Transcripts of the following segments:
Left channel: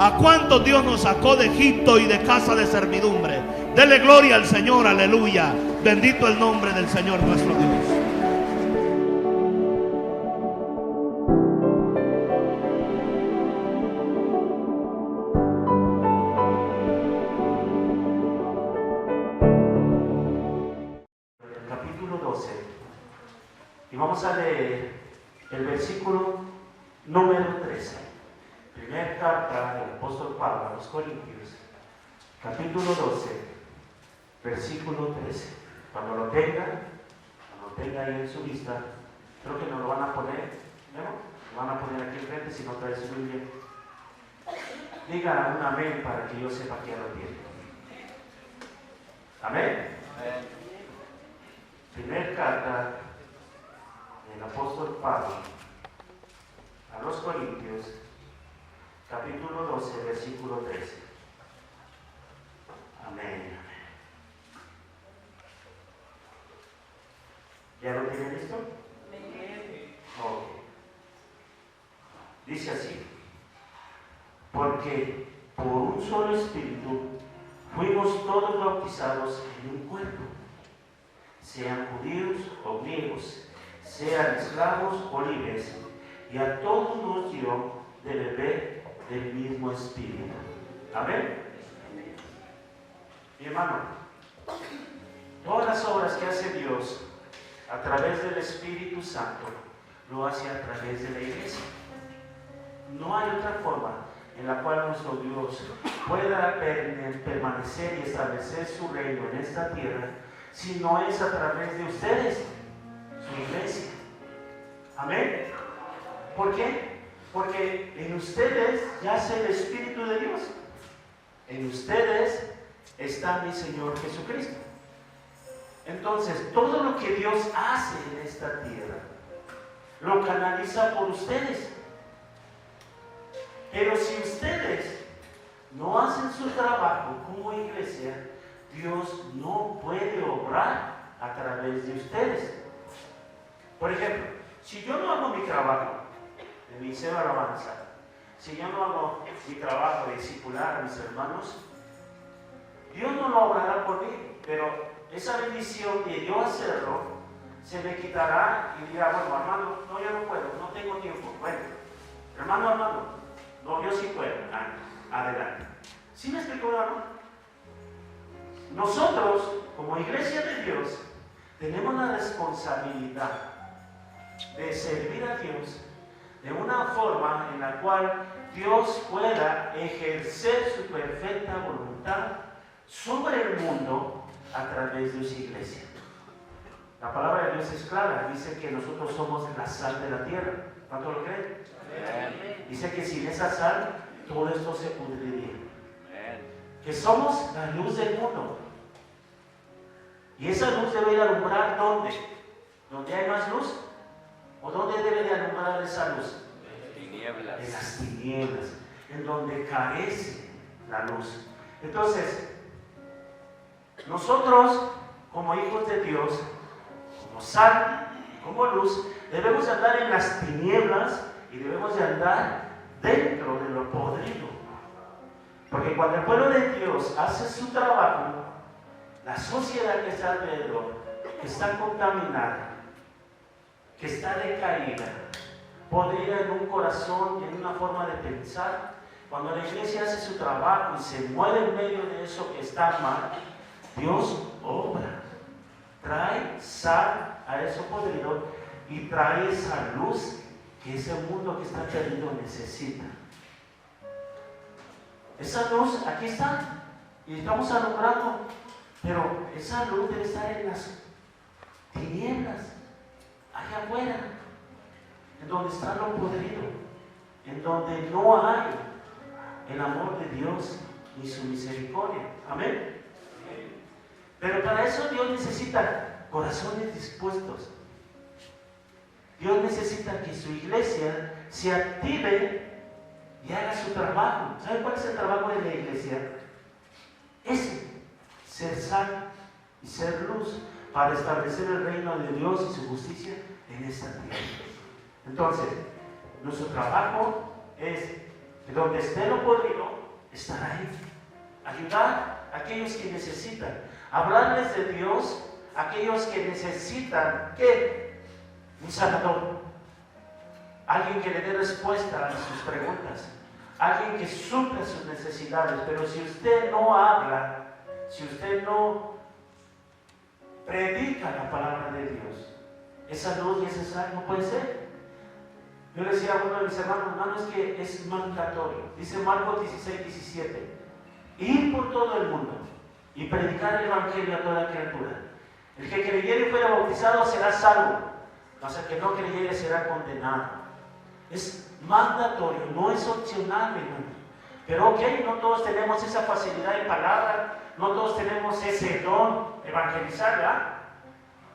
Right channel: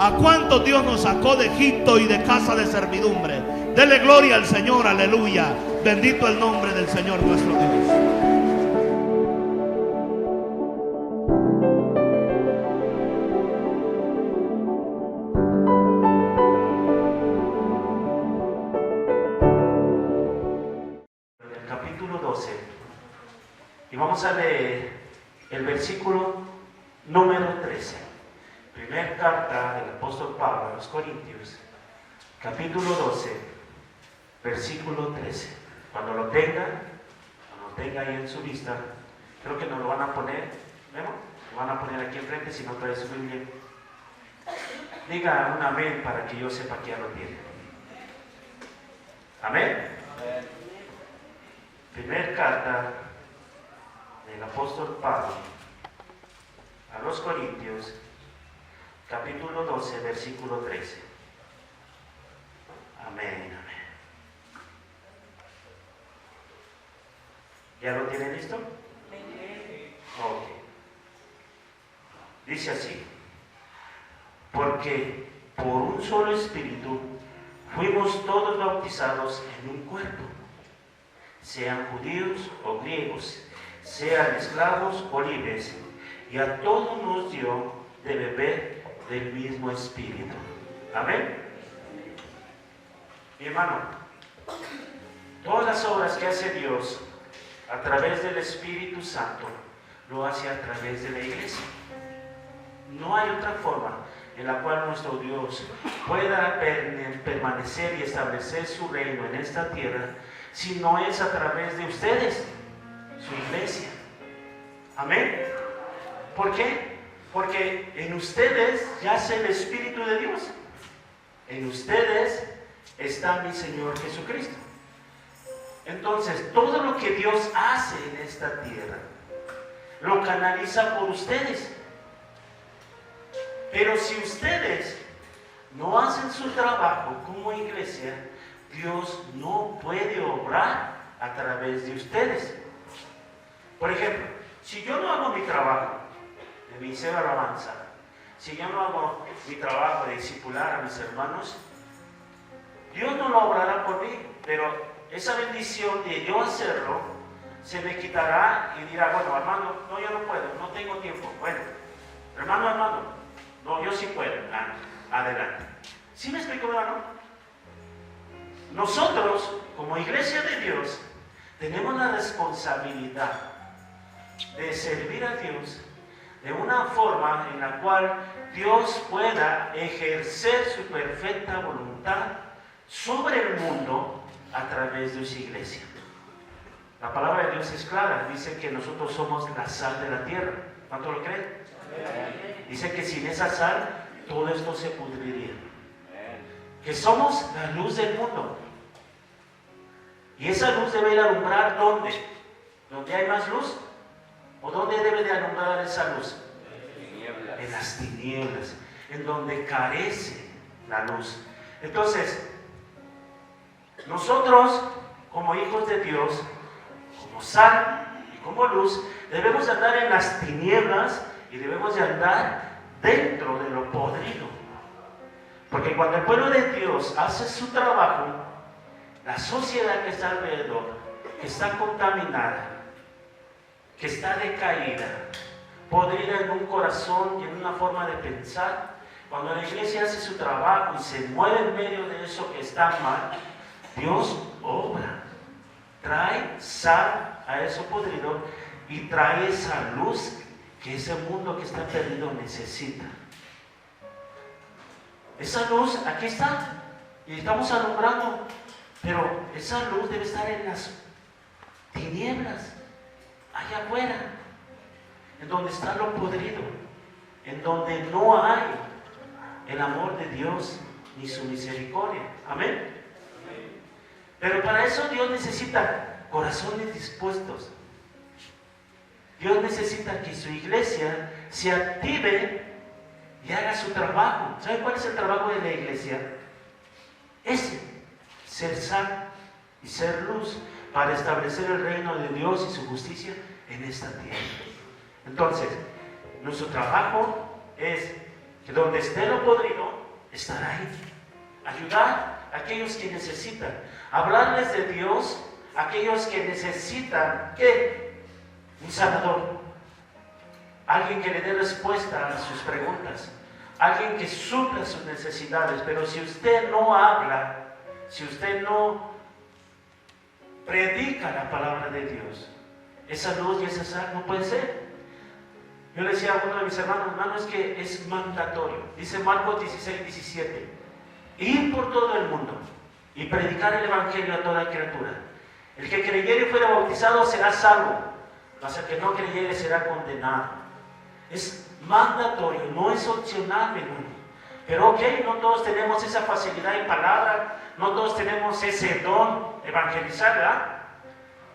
¿A cuántos Dios nos sacó de Egipto y de casa de servidumbre? Dele gloria al Señor, aleluya. Bendito el nombre del Señor nuestro Dios. El capítulo 12. Y vamos a leer el versículo número 13. Primera carta del apóstol Pablo a los Corintios, capítulo 12, versículo 13. Cuando lo tenga ahí en su lista, creo que nos lo van a poner, bueno, lo van a poner aquí enfrente si no trae su Biblia. Diga un amén para que yo sepa que ya lo tiene. Amén. Primera carta del apóstol Pablo a los Corintios, capítulo 12, versículo 13. Amén, amén. ¿Ya lo tienen listo? Ok. Dice así: porque por un solo espíritu fuimos todos bautizados en un cuerpo, sean judíos o griegos, sean esclavos o libres, y a todos nos dio de beber del mismo espíritu. Amén. Mi hermano, todas las obras que hace Dios a través del Espíritu Santo lo hace a través de la iglesia. No hay otra forma en la cual nuestro Dios pueda permanecer y establecer su reino en esta tierra si no es a través de ustedes, su iglesia. Amén. ¿Por qué? Porque en ustedes yace el Espíritu de Dios. En ustedes está mi Señor Jesucristo. Entonces, todo lo que Dios hace en esta tierra, lo canaliza por ustedes. Pero si ustedes no hacen su trabajo como iglesia, Dios no puede obrar a través de ustedes. Por ejemplo, si yo no hago mi trabajo de ministerio de alabanza, si yo no hago mi trabajo de discipular a mis hermanos, Dios no lo obrará por mí, pero esa bendición de yo hacerlo se me quitará y dirá: bueno, hermano, no, yo no puedo, no tengo tiempo. Bueno, hermano, no, yo sí puedo. Adelante. ¿Sí me explico, hermano? Nosotros, como iglesia de Dios, tenemos la responsabilidad de servir a Dios de una forma en la cual Dios pueda ejercer su perfecta voluntad sobre el mundo a través de su iglesia. La palabra de Dios es clara, dice que nosotros somos la sal de la tierra. ¿Cuánto lo creen? Dice que sin esa sal todo esto se pudriría. Que somos la luz del mundo. Y esa luz debe ir a alumbrar ¿dónde? ¿Dónde hay más luz? ¿O dónde debe de alumbrar esa luz? En las tinieblas, en donde carece la luz. Entonces, nosotros, como hijos de Dios, como sal y como luz, debemos de andar en las tinieblas y debemos de andar dentro de lo podrido. Porque cuando el pueblo de Dios hace su trabajo, la sociedad que está alrededor, que está contaminada, que está decaída, podrida en un corazón y en una forma de pensar, cuando la iglesia hace su trabajo y se mueve en medio de eso que está mal, Dios obra, trae sal a eso podrido y trae esa luz que ese mundo que está perdido necesita. Esa luz aquí está y estamos alumbrando, pero esa luz debe estar en las tinieblas, allá afuera, en donde está lo podrido, en donde no hay el amor de Dios ni su misericordia. Amén. Pero para eso Dios necesita corazones dispuestos. Dios necesita que su iglesia se active y haga su trabajo. ¿Sabe cuál es el trabajo de la iglesia? Ese, ser sal y ser luz para establecer el reino de Dios y su justicia en esta tierra. Entonces, nuestro trabajo es que donde esté lo podrido, estará ahí. Ayudar a aquellos que necesitan. Hablarles de Dios a aquellos que necesitan, ¿qué? Un sanador. Alguien que le dé respuesta a sus preguntas. Alguien que supla sus necesidades. Pero si usted no habla, si usted no predica la palabra de Dios, esa luz y esa sal no puede ser. Yo le decía a uno de mis hermanos, es que es mandatorio. Dice Marcos 16:17, ir por todo el mundo y predicar el evangelio a toda criatura. El que creyere y fuera bautizado será salvo, mas el que no creyere será condenado. Es mandatorio, no es opcional, hermano. Pero ok, no todos tenemos esa facilidad en palabra, no todos tenemos ese don de evangelizar, ¿verdad?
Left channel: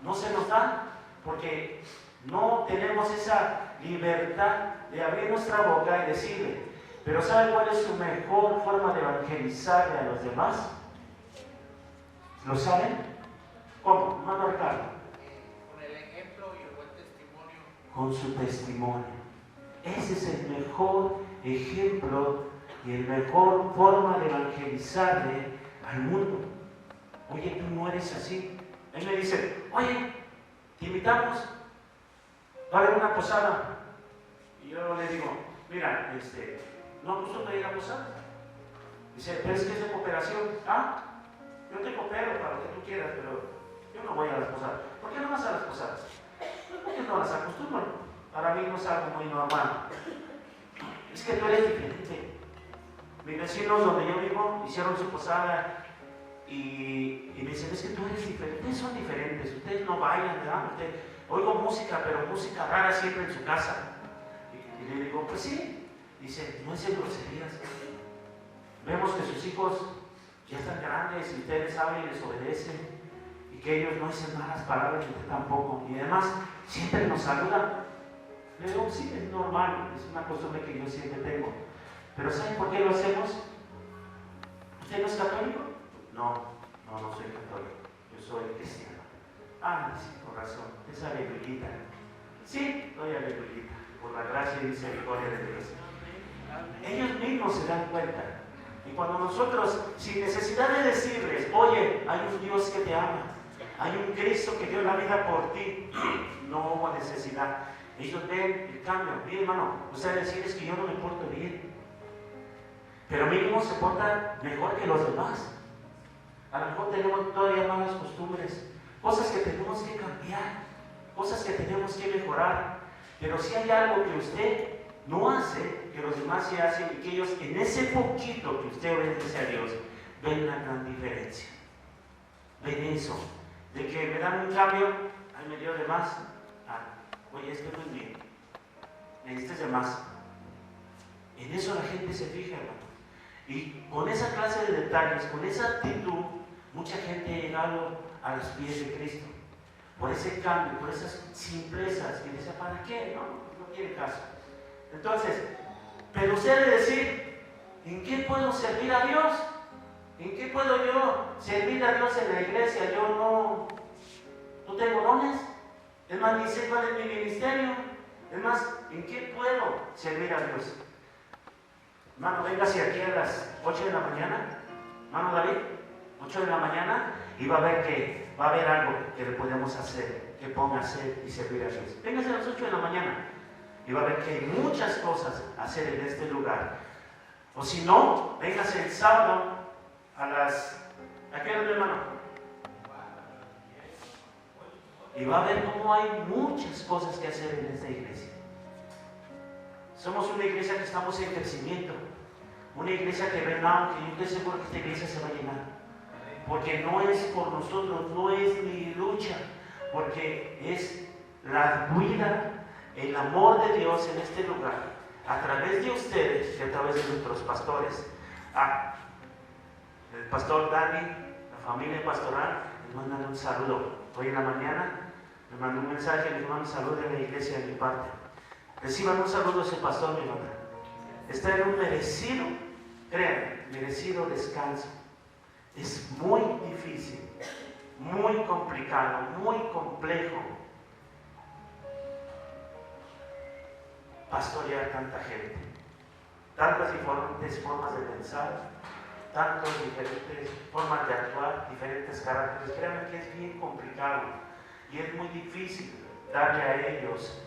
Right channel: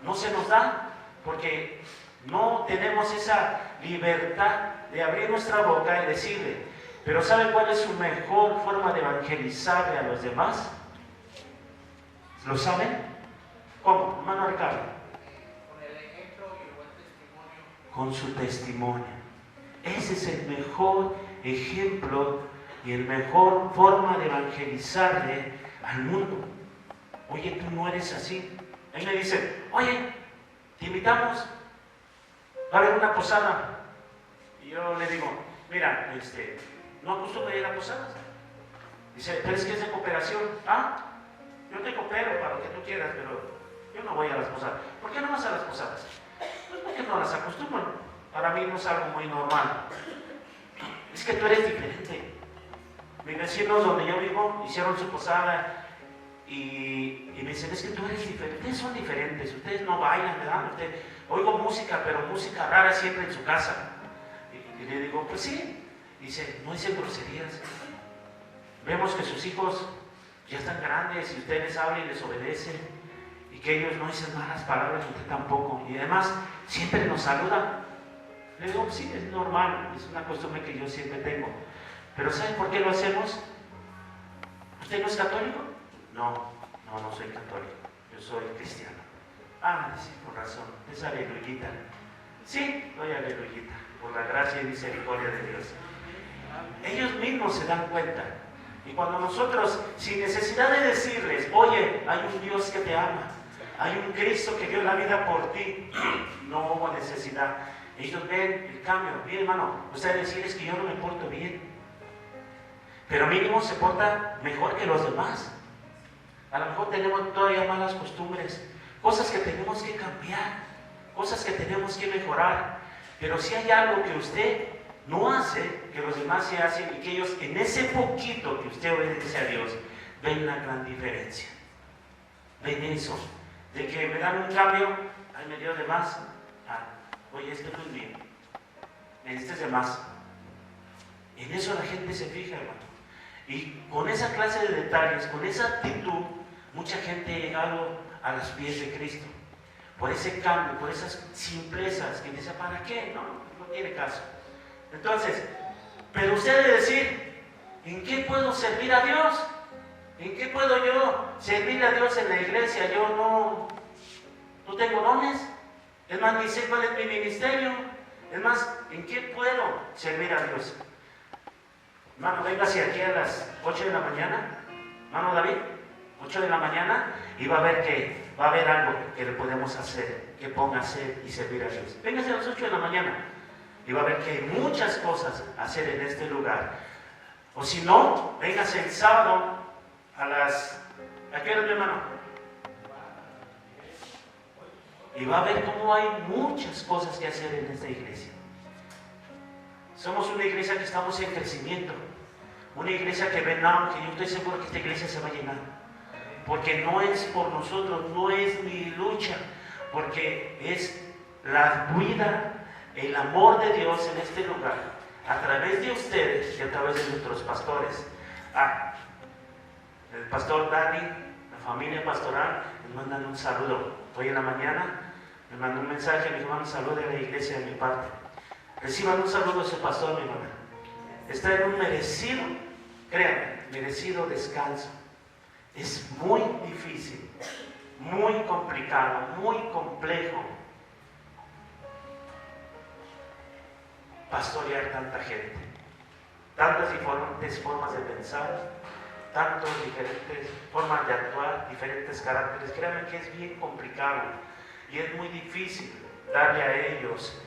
No se nos da, porque no tenemos esa libertad de abrir nuestra boca y decirle. Pero ¿sabe cuál es su mejor forma de evangelizarle a los demás? ¿Lo saben? ¿Cómo? Hermano Ricardo. Con el ejemplo y el buen testimonio. Con su testimonio. Ese es el mejor ejemplo y el mejor forma de evangelizarle al mundo. Oye, tú no eres así. Él me dice, oye, te invitamos, va a haber una posada. Y yo le digo, mira, no acostumbro ir a posadas. Dice, pero es que es de cooperación. Ah, yo te coopero para lo que tú quieras, pero yo no voy a las posadas. ¿Por qué no vas a las posadas? Pues porque no las acostumbro. Para mí no es algo muy normal. Es que tú eres diferente. Mis vecinos donde yo vivo hicieron su posada y me dicen, es que tú eres diferente. Ustedes son diferentes, ustedes no bailan, ¿verdad? Oigo música, pero música rara siempre en su casa. Y le digo, pues sí. Dice, no dicen groserías. Vemos que sus hijos ya están grandes y ustedes hablan y les obedecen. Y que ellos no dicen malas palabras, y usted tampoco. Y además, siempre nos saludan. Le digo, sí, es normal, es una costumbre que yo siempre tengo. Pero ¿saben por qué lo hacemos? ¿Usted no es católico? No soy católico, yo soy cristiano. Ah, sí, con razón, es aleluyita. Sí, doy aleluyita, por la gracia y misericordia de Dios. Ellos mismos se dan cuenta. Y cuando nosotros, sin necesidad de decirles, oye, hay un Dios que te ama, hay un Cristo que dio la vida por ti, no hubo necesidad. Ellos ven el cambio. Bien, hermano, usted decir es que yo no me porto bien, pero mínimo se porta mejor que los demás. A lo mejor tenemos todavía malas costumbres, cosas que tenemos que cambiar, cosas que tenemos que mejorar. Pero si hay algo que usted no hace, que los demás sí hacen, y que ellos en ese poquito que usted obedece a Dios, ven una gran diferencia. Ven eso, de que me dan un cambio, ay, me dio de más. Oye, esto no es mío, este es de más. En eso la gente se fija, hermano. Y con esa clase de detalles, con esa actitud, mucha gente ha llegado a los pies de Cristo. Por ese cambio, por esas simplezas. Y dice, ¿para qué? No tiene caso. Entonces, pero usted debe decir, ¿en qué puedo servir a Dios? ¿En qué puedo yo servir a Dios en la iglesia? Yo no tengo dones. Es más, ni sé cuál es mi ministerio. Es más, ¿en qué puedo servir a Dios? Hermano, véngase aquí a las 8 de la mañana. Hermano David, 8 de la mañana, y va a ver que va a haber algo que le podemos hacer, que ponga a hacer y servir a Dios. Véngase a las 8 de la mañana y va a ver que hay muchas cosas a hacer en este lugar. O si no, véngase el sábado a las... ¿A qué hora, mi hermano? Y va a ver cómo hay muchas cosas que hacer en esta iglesia. Somos una iglesia que estamos en crecimiento. Una iglesia que ven auge. Yo estoy seguro que esta iglesia se va a llenar. Porque no es por nosotros, no es mi lucha. Porque es la vida, el amor de Dios en este lugar. A través de ustedes y a través de nuestros pastores. El pastor Dani, la familia pastoral, les mandan un saludo. Hoy en la mañana me mandó un mensaje, me dijo, saludo de la iglesia de mi parte. Reciban un saludo a ese pastor, mi hermana. Está en un merecido, créanme, merecido descanso. Es muy difícil, muy complicado, muy complejo pastorear tanta gente. tantas diferentes formas de pensar, tantas diferentes formas de actuar, diferentes caracteres. Créanme que es bien complicado y es muy difícil darle a ellos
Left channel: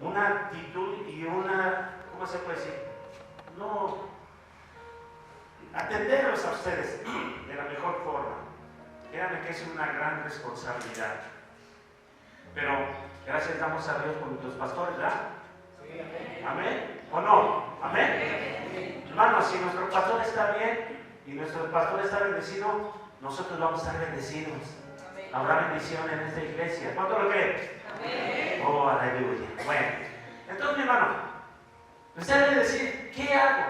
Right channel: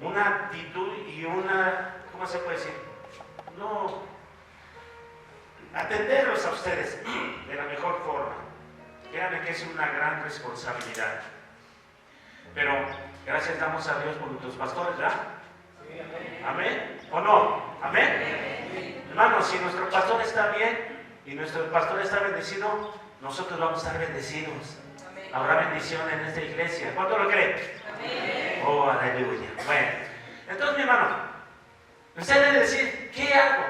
una actitud y una, ¿cómo se puede decir? No, atenderlos a ustedes de la mejor forma. Créanme que es una gran responsabilidad. Pero gracias damos a Dios por nuestros pastores, ¿verdad? Sí, amén. ¿Amén? ¿O no? ¿Amén? Hermanos, si nuestro pastor está bien y nuestro pastor está bendecido, nosotros vamos a estar bendecidos. Amén. Habrá bendición en esta iglesia. ¿Cuánto lo creen? Amén. Oh, aleluya. Bueno, entonces mi hermano, usted debe decir, ¿qué hago?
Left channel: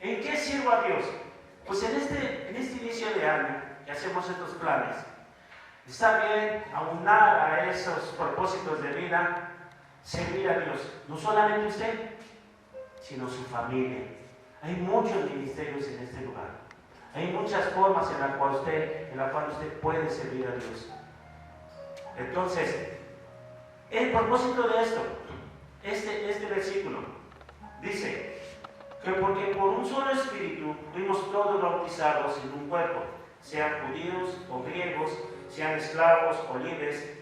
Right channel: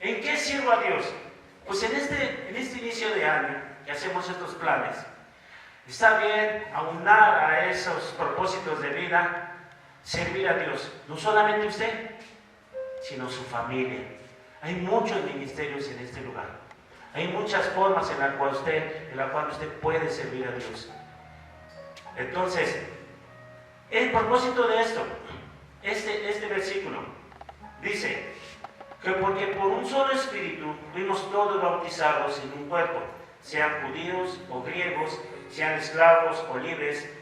¿En qué sirvo a Dios? Pues en este inicio de año que hacemos estos planes, está bien aunar a esos propósitos de vida, servir a Dios, no solamente usted, sino su familia. Hay muchos ministerios en este lugar. Hay muchas formas en la cual usted puede servir a Dios. Entonces, el propósito de esto, este versículo, dice que porque por un solo espíritu fuimos todos bautizados en un cuerpo, sean judíos o griegos, sean esclavos o libres,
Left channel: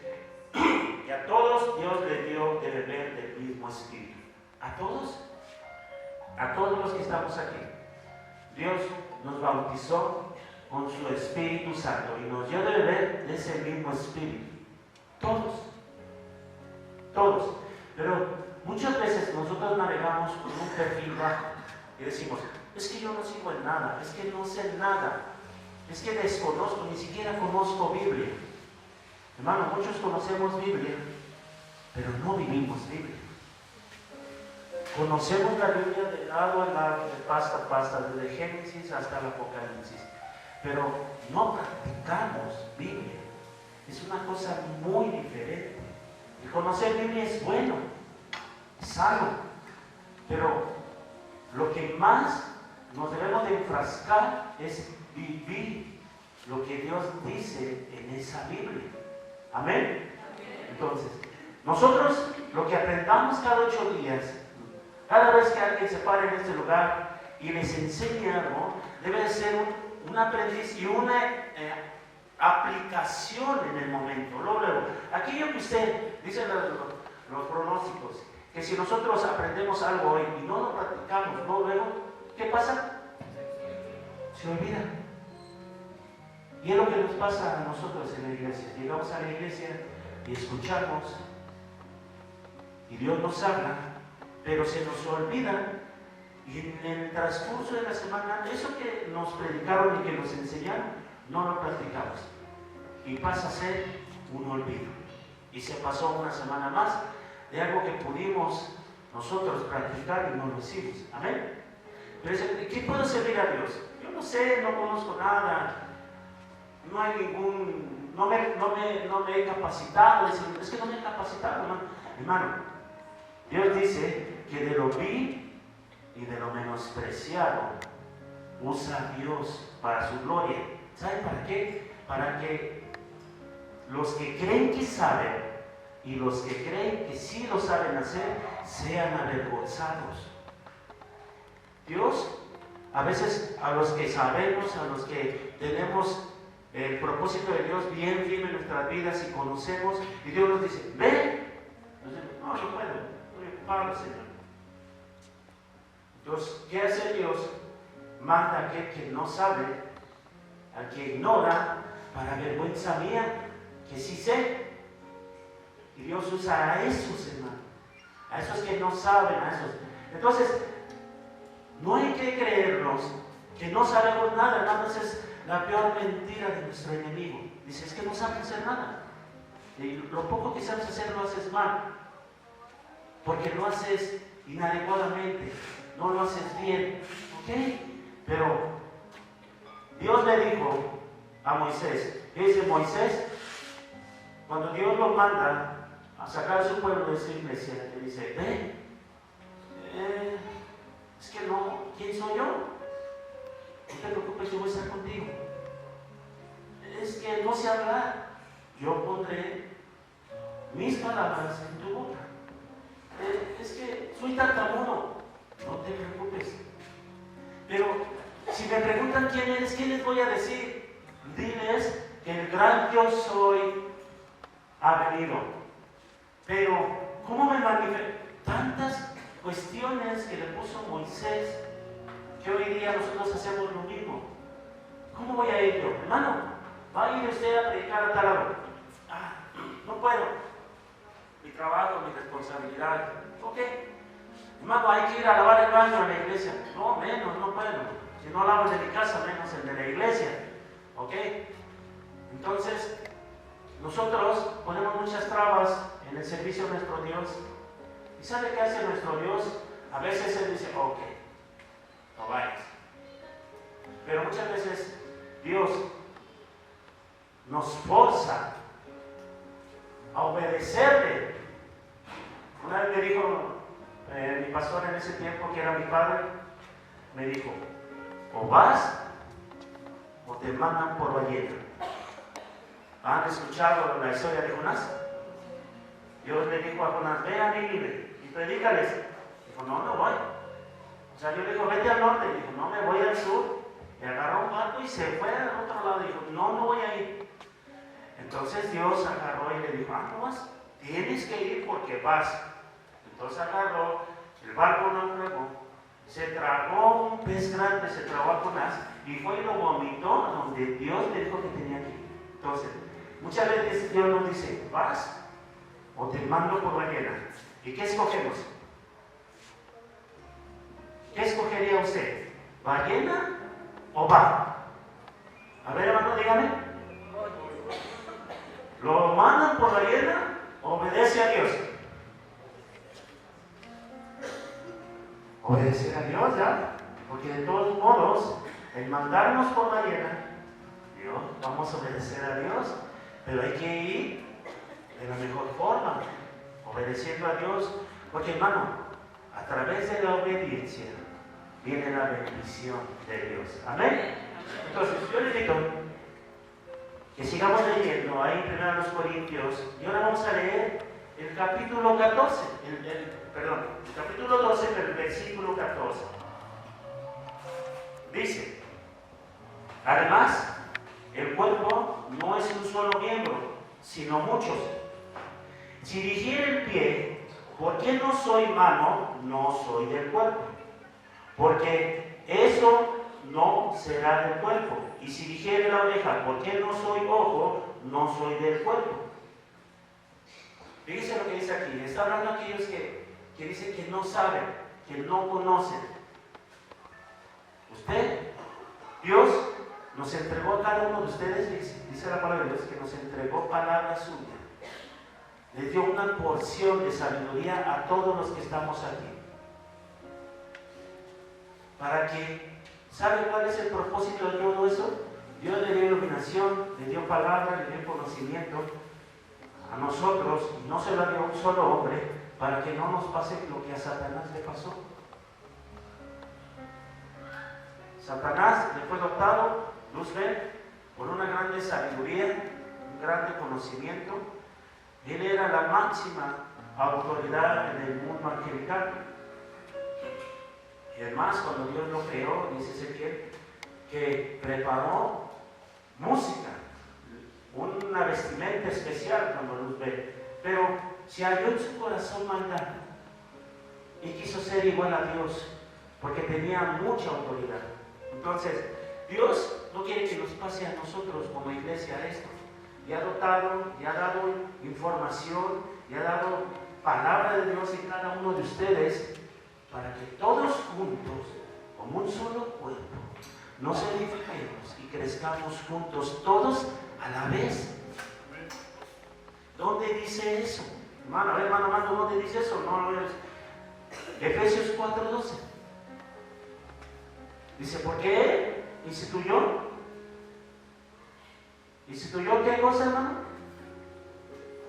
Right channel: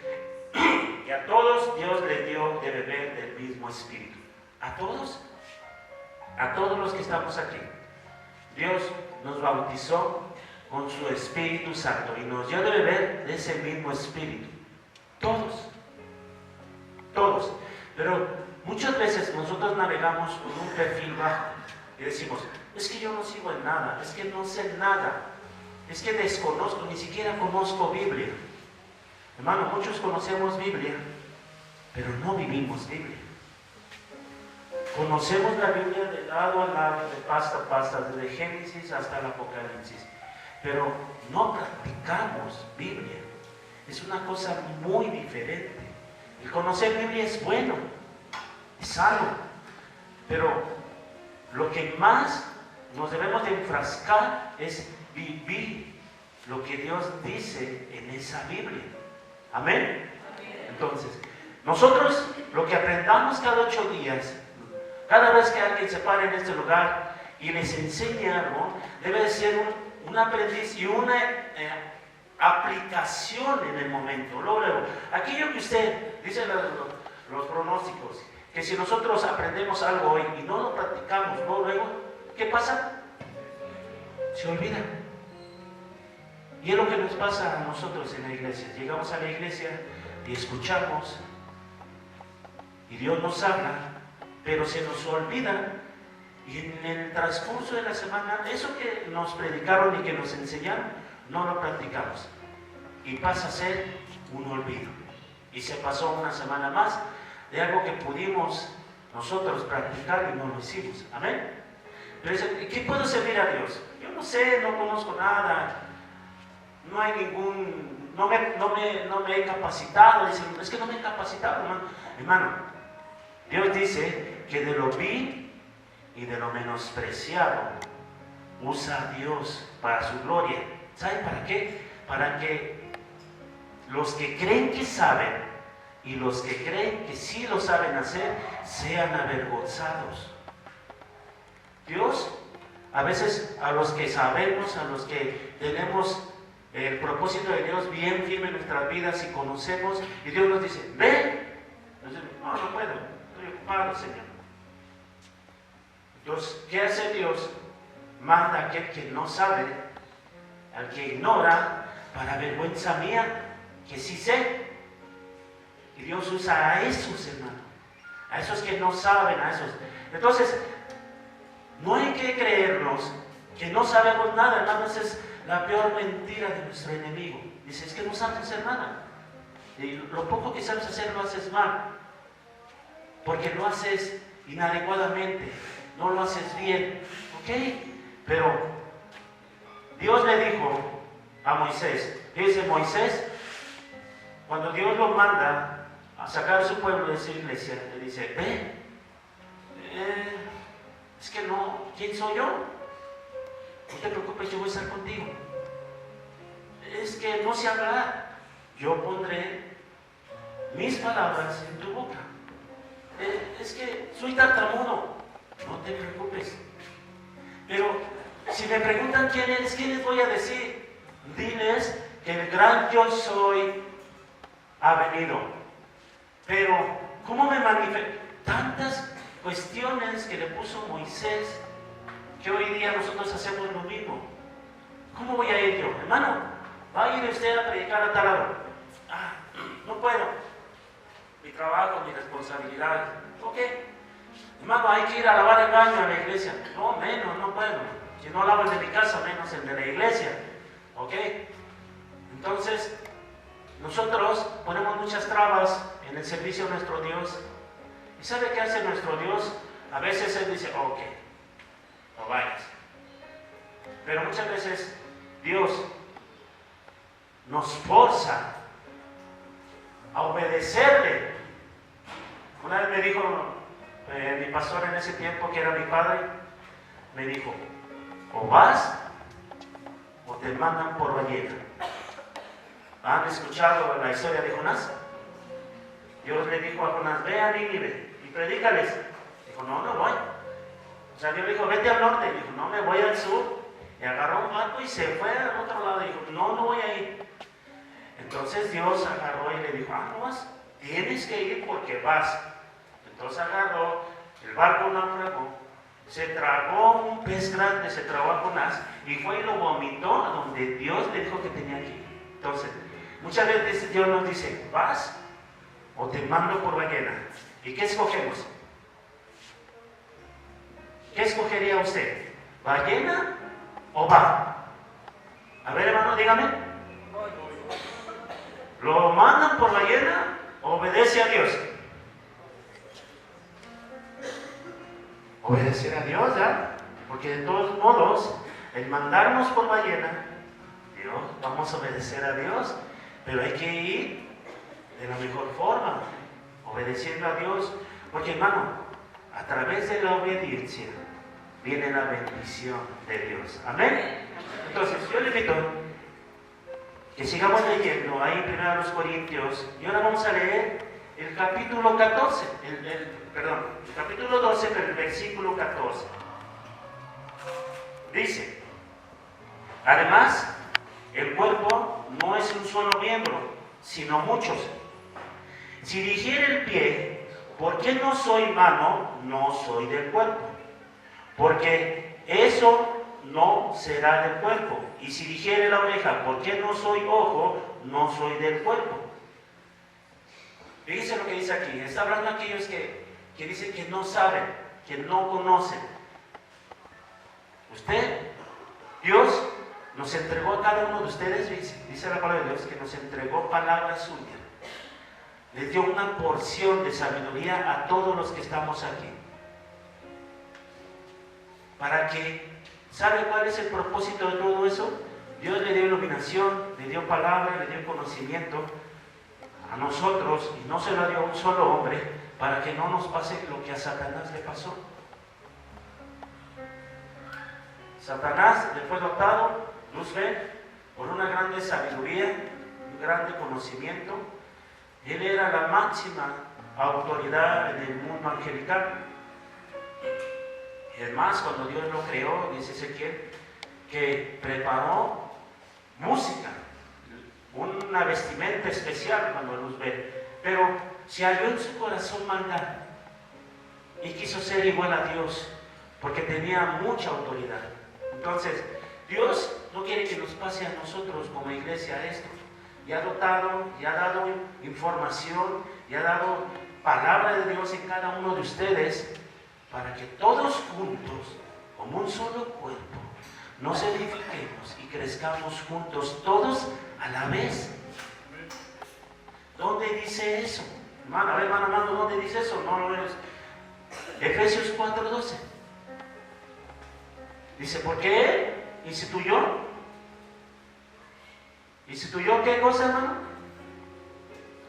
y a todos Dios les dio de beber del mismo espíritu. ¿A todos? A todos los que estamos aquí. Dios nos bautizó con su Espíritu Santo y nos dio de beber de ese mismo espíritu. Todos. Todos. Pero muchas veces nosotros navegamos con un perfil bajo y decimos, es que yo no sigo en nada, es que no sé nada, es que desconozco, ni siquiera conozco Biblia. Hermano, muchos conocemos Biblia, pero no vivimos Biblia. Conocemos la Biblia de lado a lado, de pasta a pasta, desde Génesis hasta el Apocalipsis, pero no practicamos Biblia. Es una cosa muy diferente. El conocer Biblia es bueno, es algo, pero lo que más nos debemos de enfrascar es vivir lo que Dios dice en esa Biblia. Amén. Entonces, nosotros lo que aprendamos cada 8 días, cada vez que alguien se para en este lugar y les enseña algo, debe de ser un aprendiz y una aplicación en el momento. Luego, aquello que usted dice los pronósticos, que si nosotros aprendemos algo hoy y no lo practicamos, luego, ¿qué pasa? Se olvida. Y es lo que nos pasa a nosotros en la iglesia. Llegamos a la iglesia y escuchamos, y Dios nos habla, pero se nos olvida, y en el transcurso de la semana, eso que nos predicaron y que nos enseñaron, no lo practicamos. Y pasa a ser un olvido. Y se pasó una semana más de algo que pudimos nosotros practicar y no lo hicimos. Amén. Pero ¿qué puedo servir a Dios? Yo no sé, no conozco nada, no hay ningún, no me he capacitado. Dicen, es que no me he capacitado, hermano. Dios dice que de lo vil y de lo menospreciado usa a Dios para su gloria. ¿Sabe para qué? Para que los que creen que saben y los que creen que sí lo saben hacer sean avergonzados. Dios, a veces a los que sabemos, a los que tenemos el propósito de Dios bien firme en nuestras vidas y conocemos, y Dios nos dice, ven. No puedo, estoy ocupado, Señor. Entonces, ¿qué hace Dios? Manda a aquel que no sabe, al que ignora, para vergüenza mía, que sí sé. Y Dios usa a esos, hermanos, a esos que no saben, a esos. Entonces, no hay que creernos que no sabemos nada, nada más es la peor mentira de nuestro enemigo. Dice, es que no sabes hacer nada. Y lo poco que sabes hacer lo haces mal, porque lo haces inadecuadamente, no lo haces bien. ¿Ok? Pero Dios le dijo a Moisés, dice Moisés, cuando Dios lo manda a sacar a su pueblo de su iglesia, le dice, ve, es que no, ¿quién soy yo? No te preocupes, yo voy a estar contigo. Es que no sé hablar, yo pondré mis palabras en tu boca. Es que soy tartamudo, No te preocupes. Pero si me preguntan quién eres, ¿qué les voy a decir? Diles que el gran yo soy ha venido. Pero, ¿cómo me manifiesto? Tantas cuestiones que le puso Moisés, que hoy día nosotros hacemos lo mismo. ¿Cómo voy a ir yo? Hermano, va a ir usted a predicar a tal hora. No puedo. Mi trabajo, mi responsabilidad. ¿Ok? Hermano, hay que ir a lavar el baño a la iglesia. No, menos, no puedo. Si no lavo el de mi casa, menos el de la iglesia. ¿Ok? Entonces, nosotros ponemos muchas trabas en el servicio a nuestro Dios. ¿Y sabe qué hace nuestro Dios? A veces Él dice, ok, no vayas. Pero muchas veces Dios nos forza a obedecerle. Una vez me dijo mi pastor en ese tiempo, que era mi padre, me dijo, o vas o te mandan por ballena. ¿Han escuchado la historia de Jonás? Dios le dijo a Jonás, ve a Nínive y predícales. Dijo, no voy. O sea, Dios le dijo, vete al norte. Dijo, no, me voy al sur. Y agarró un barco y se fue al otro lado. Dijo, no voy a ir. Entonces Dios agarró y le dijo, no vas, tienes que ir porque vas. Entonces agarró, el barco naufragó, se tragó un pez grande, se tragó a Jonás y fue y lo vomitó donde Dios le dijo que tenía que ir. Entonces, muchas veces Dios nos dice, vas o te mando por ballena. ¿Y qué escogemos? ¿Qué escogería usted? ¿Ballena o va? A ver, hermano, dígame. ¿Lo mandan por ballena? Obedece a Dios. Obedecer a Dios, ¿ya? Porque de todos modos, el mandarnos por ballena, Dios, vamos a obedecer a Dios, pero hay que ir de la mejor forma, obedeciendo a Dios, porque hermano, a través de la obediencia viene la bendición de Dios. Amén. Entonces, yo le invito que sigamos leyendo ahí en 1 Corintios, y ahora vamos a leer el capítulo 14, el capítulo 12, pero el versículo 14. Dice, además, el cuerpo no es un solo miembro, sino muchos. Si dijera el pie, ¿por qué no soy mano? No soy del cuerpo. Porque eso no será del cuerpo. Y si dijere la oreja, ¿por qué no soy ojo? No soy del cuerpo. Fíjense lo que dice aquí. Está hablando a aquellos que dicen que no saben, que no conocen. Dios nos entregó a cada uno de ustedes, dice la palabra de Dios, que nos entregó palabra suya. Les dio una porción de sabiduría a todos los que estamos aquí. Para que, ¿sabe cuál es el propósito de todo eso? Dios le dio iluminación, le dio palabra, le dio conocimiento a nosotros, y no se lo dio a un solo hombre, para que no nos pase lo que a Satanás le pasó. Satanás le fue dotado, Luzbel, por una grande sabiduría, un grande conocimiento. Él era la máxima autoridad en el mundo angelical. Y además, cuando Dios lo creó, dice Ezequiel, que preparó música, una vestimenta especial cuando Luzbel. Pero se halló en su corazón maldad y quiso ser igual a Dios, porque tenía mucha autoridad. Entonces, Dios no quiere que nos pase a nosotros como iglesia esto. Y ha dotado, y ha dado información, y ha dado palabra de Dios en cada uno de ustedes, para que todos juntos, como un solo cuerpo, nos edifiquemos y crezcamos juntos, todos a la vez. ¿Dónde dice eso? Hermano, a ver, hermano, ¿dónde dice eso? No lo es. Efesios 4:12. Dice, porque Él instituyó. ¿Instituyó qué cosa, hermano?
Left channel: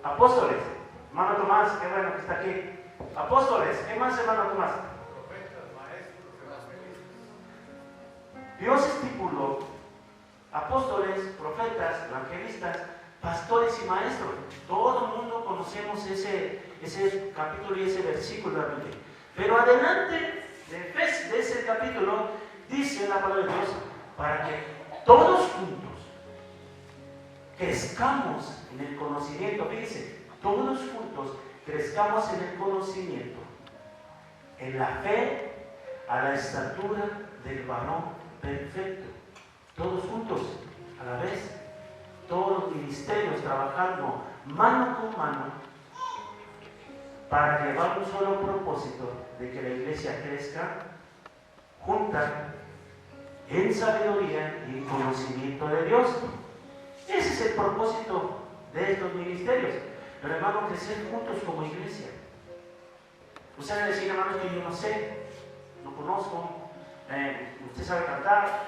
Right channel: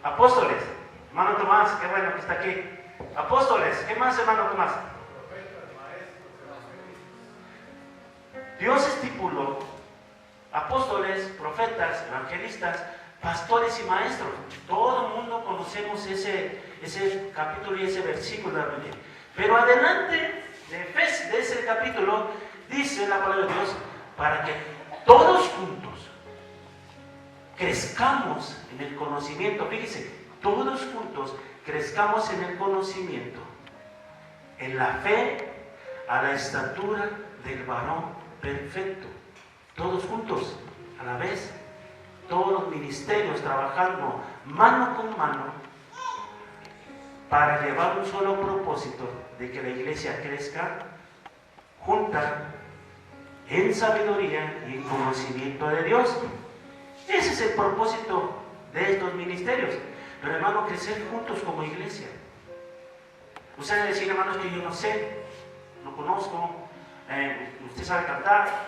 Apóstoles. Hermano Tomás, qué bueno que está aquí. Apóstoles, ¿qué más, hermano Tomás? Profetas, maestros, evangelistas. Dios estipuló apóstoles, profetas, evangelistas, pastores y maestros. Todo el mundo conocemos ese capítulo y ese versículo de la Biblia. Pero adelante de ese capítulo, dice la palabra de Dios, para que todos juntos crezcamos en el conocimiento. Fíjese, todos juntos crezcamos en el conocimiento, en la fe, a la estatura del varón perfecto. Todos juntos, a la vez, todos los ministerios trabajando mano con mano para llevar un solo propósito, de que la iglesia crezca junta en sabiduría y en conocimiento de Dios. Ese es el propósito de estos ministerios. Pero hermano, crecer juntos como iglesia. Ustedes decir, hermanos, que yo no sé, no conozco, usted sabe cantar,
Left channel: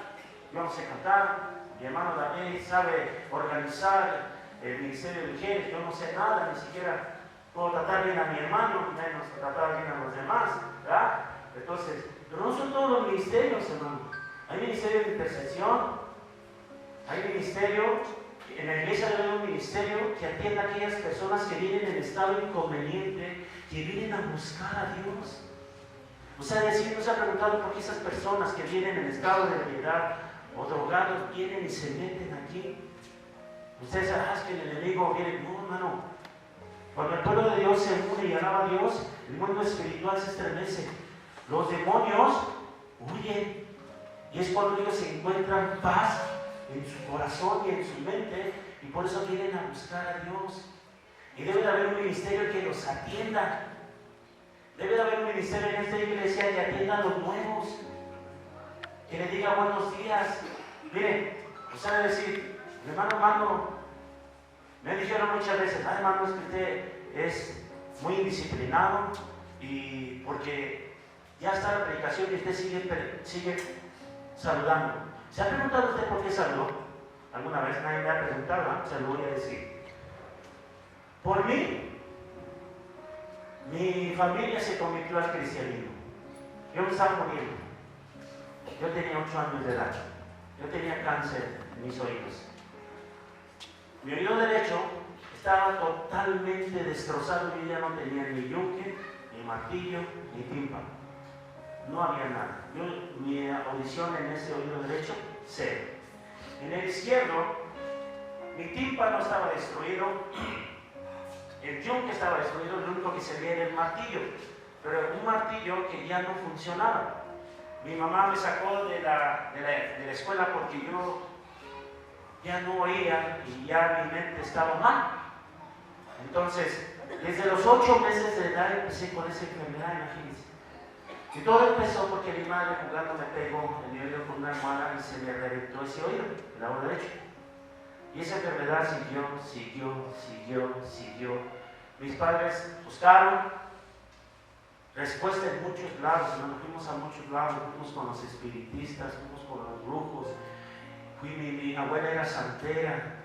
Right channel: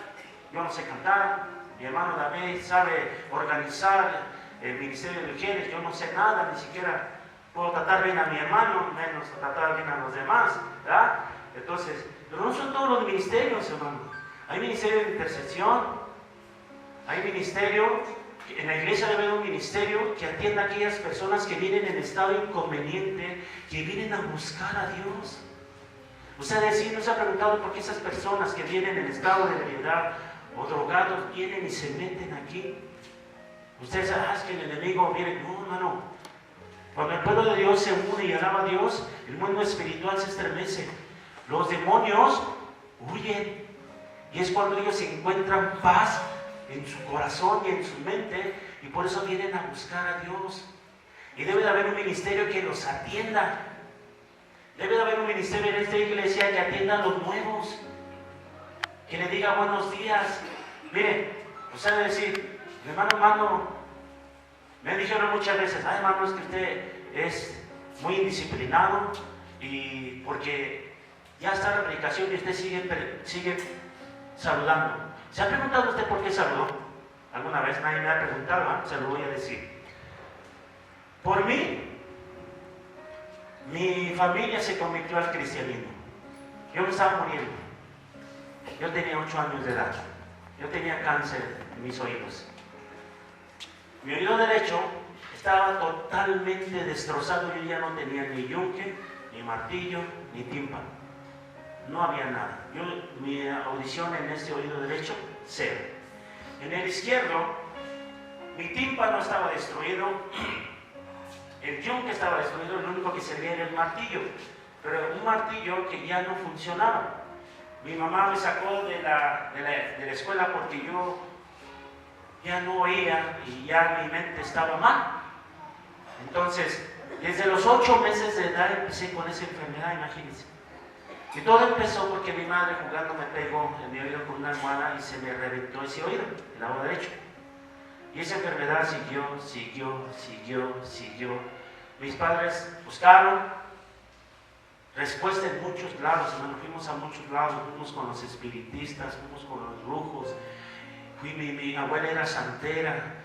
yo no sé cantar, mi hermano David sabe organizar el ministerio de mujeres, yo no sé nada, ni siquiera puedo tratar bien a mi hermano, menos tratar bien a los demás, ¿verdad? Entonces, pero no son todos los ministerios, hermano. Hay ministerio de intercesión, hay ministerio, en la iglesia debe haber un ministerio que atienda a aquellas personas que vienen en estado inconveniente, que vienen a buscar a Dios. Ustedes sí, ¿no se ha preguntado por qué esas personas que vienen en estado de ebriedad o drogados vienen y se meten aquí? Ustedes saben, es que el enemigo viene. No, hermano. Cuando el pueblo de Dios se une y alaba a Dios, el mundo espiritual se estremece. Los demonios huyen. Y es cuando ellos encuentran paz en su corazón y en su mente, y por eso vienen a buscar a Dios. Y debe de haber un ministerio que los atienda. Debe de haber un ministerio en esta iglesia que atienda a los nuevos, que le diga buenos días. Miren, usted debe decir, hermano, me dijeron muchas veces, ay hermano, es que usted es muy indisciplinado, y porque ya está la predicación y usted sigue saludando. ¿Se ha preguntado usted por qué saludó? ¿Alguna vez? Nadie me ha preguntado, ¿no? Se lo voy a decir. Por mí, mi familia se convirtió al cristianismo. Yo me estaba muriendo. Yo tenía 8 años de edad. Yo tenía cáncer en mis oídos. Mi oído derecho estaba totalmente destrozado. Yo ya no tenía ni yunque, ni martillo, ni tímpano. No había nada. Mi audición en ese oído derecho, cero. En el izquierdo, mi tímpano estaba destruido, el yunque estaba destruido, lo único que se veía era el martillo, pero un martillo que ya no funcionaba. Mi mamá me sacó de la escuela porque yo ya no oía y ya mi mente estaba mal. Entonces, desde los 8 meses de edad empecé con esa enfermedad, imagínense. Y todo empezó porque mi madre jugando me pegó en mi oído con una almohada y se me reventó ese oído, el lado derecho. Y esa enfermedad siguió. Mis padres buscaron respuesta en muchos lados, nos fuimos a muchos lados, fuimos con los espiritistas, fuimos con los brujos, mi abuela era santera,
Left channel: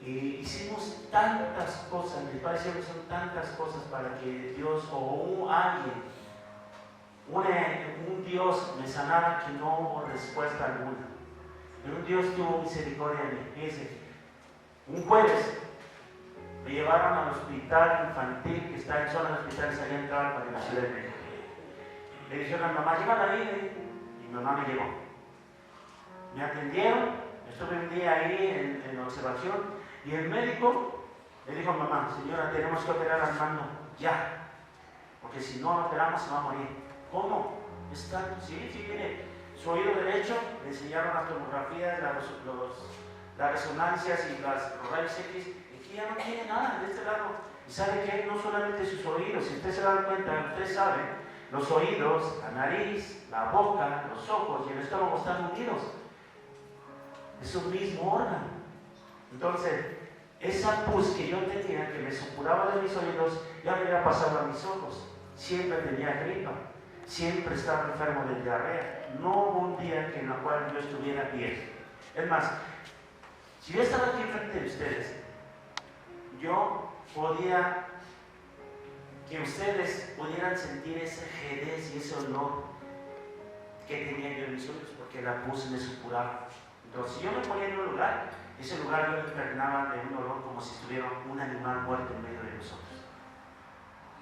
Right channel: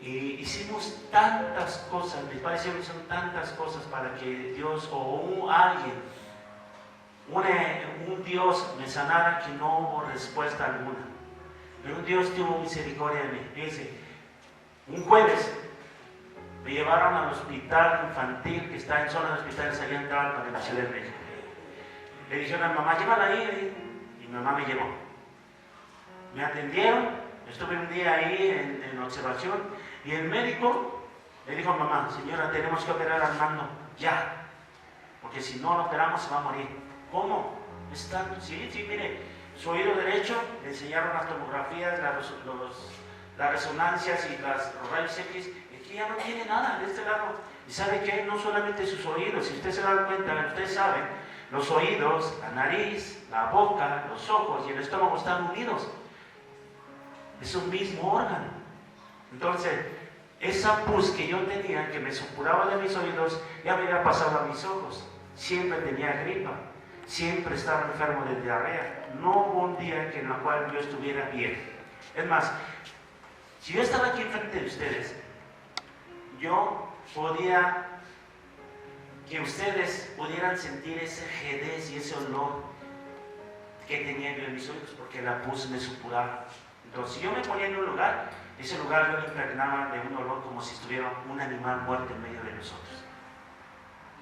y hicimos tantas cosas, mis padres hicieron tantas cosas para que Dios o alguien, un Dios me sanara, que no hubo respuesta alguna. Pero un Dios tuvo misericordia de mí. Fíjense, un jueves me llevaron al hospital infantil que está en zona de hospitales allá en Tlalpan, en la Ciudad de México. Le dijeron a mi mamá, llévala ahí, y mi mamá me llevó. Me atendieron, estuve un día ahí en observación, y el médico le dijo a mamá, señora, tenemos que operar al Armando ya, porque si no lo operamos se va a morir. ¿Cómo? Está, sí, mire, su oído derecho, le enseñaron las tomografías, las resonancias y las rayos X, y aquí ya no tiene nada de este lado. Y sabe que no solamente sus oídos, si usted se da cuenta, usted sabe, los oídos, la nariz, la boca, los ojos y el estómago están unidos. Es un mismo órgano. Entonces, esa pus que yo tenía, que me supuraba de mis oídos, ya me había pasado a mis ojos. Siempre tenía gripa. Siempre estaba enfermo de diarrea. No hubo un día en el cual yo estuviera bien. Es más, si yo estaba aquí enfrente de ustedes, yo podía que ustedes pudieran sentir ese jedez y ese olor que tenía yo en mis oídos, porque la pus me supuraba. Entonces, si yo me ponía en un lugar, ese lugar yo lo impregnaba de un olor como si estuviera un animal muerto en medio de nosotros.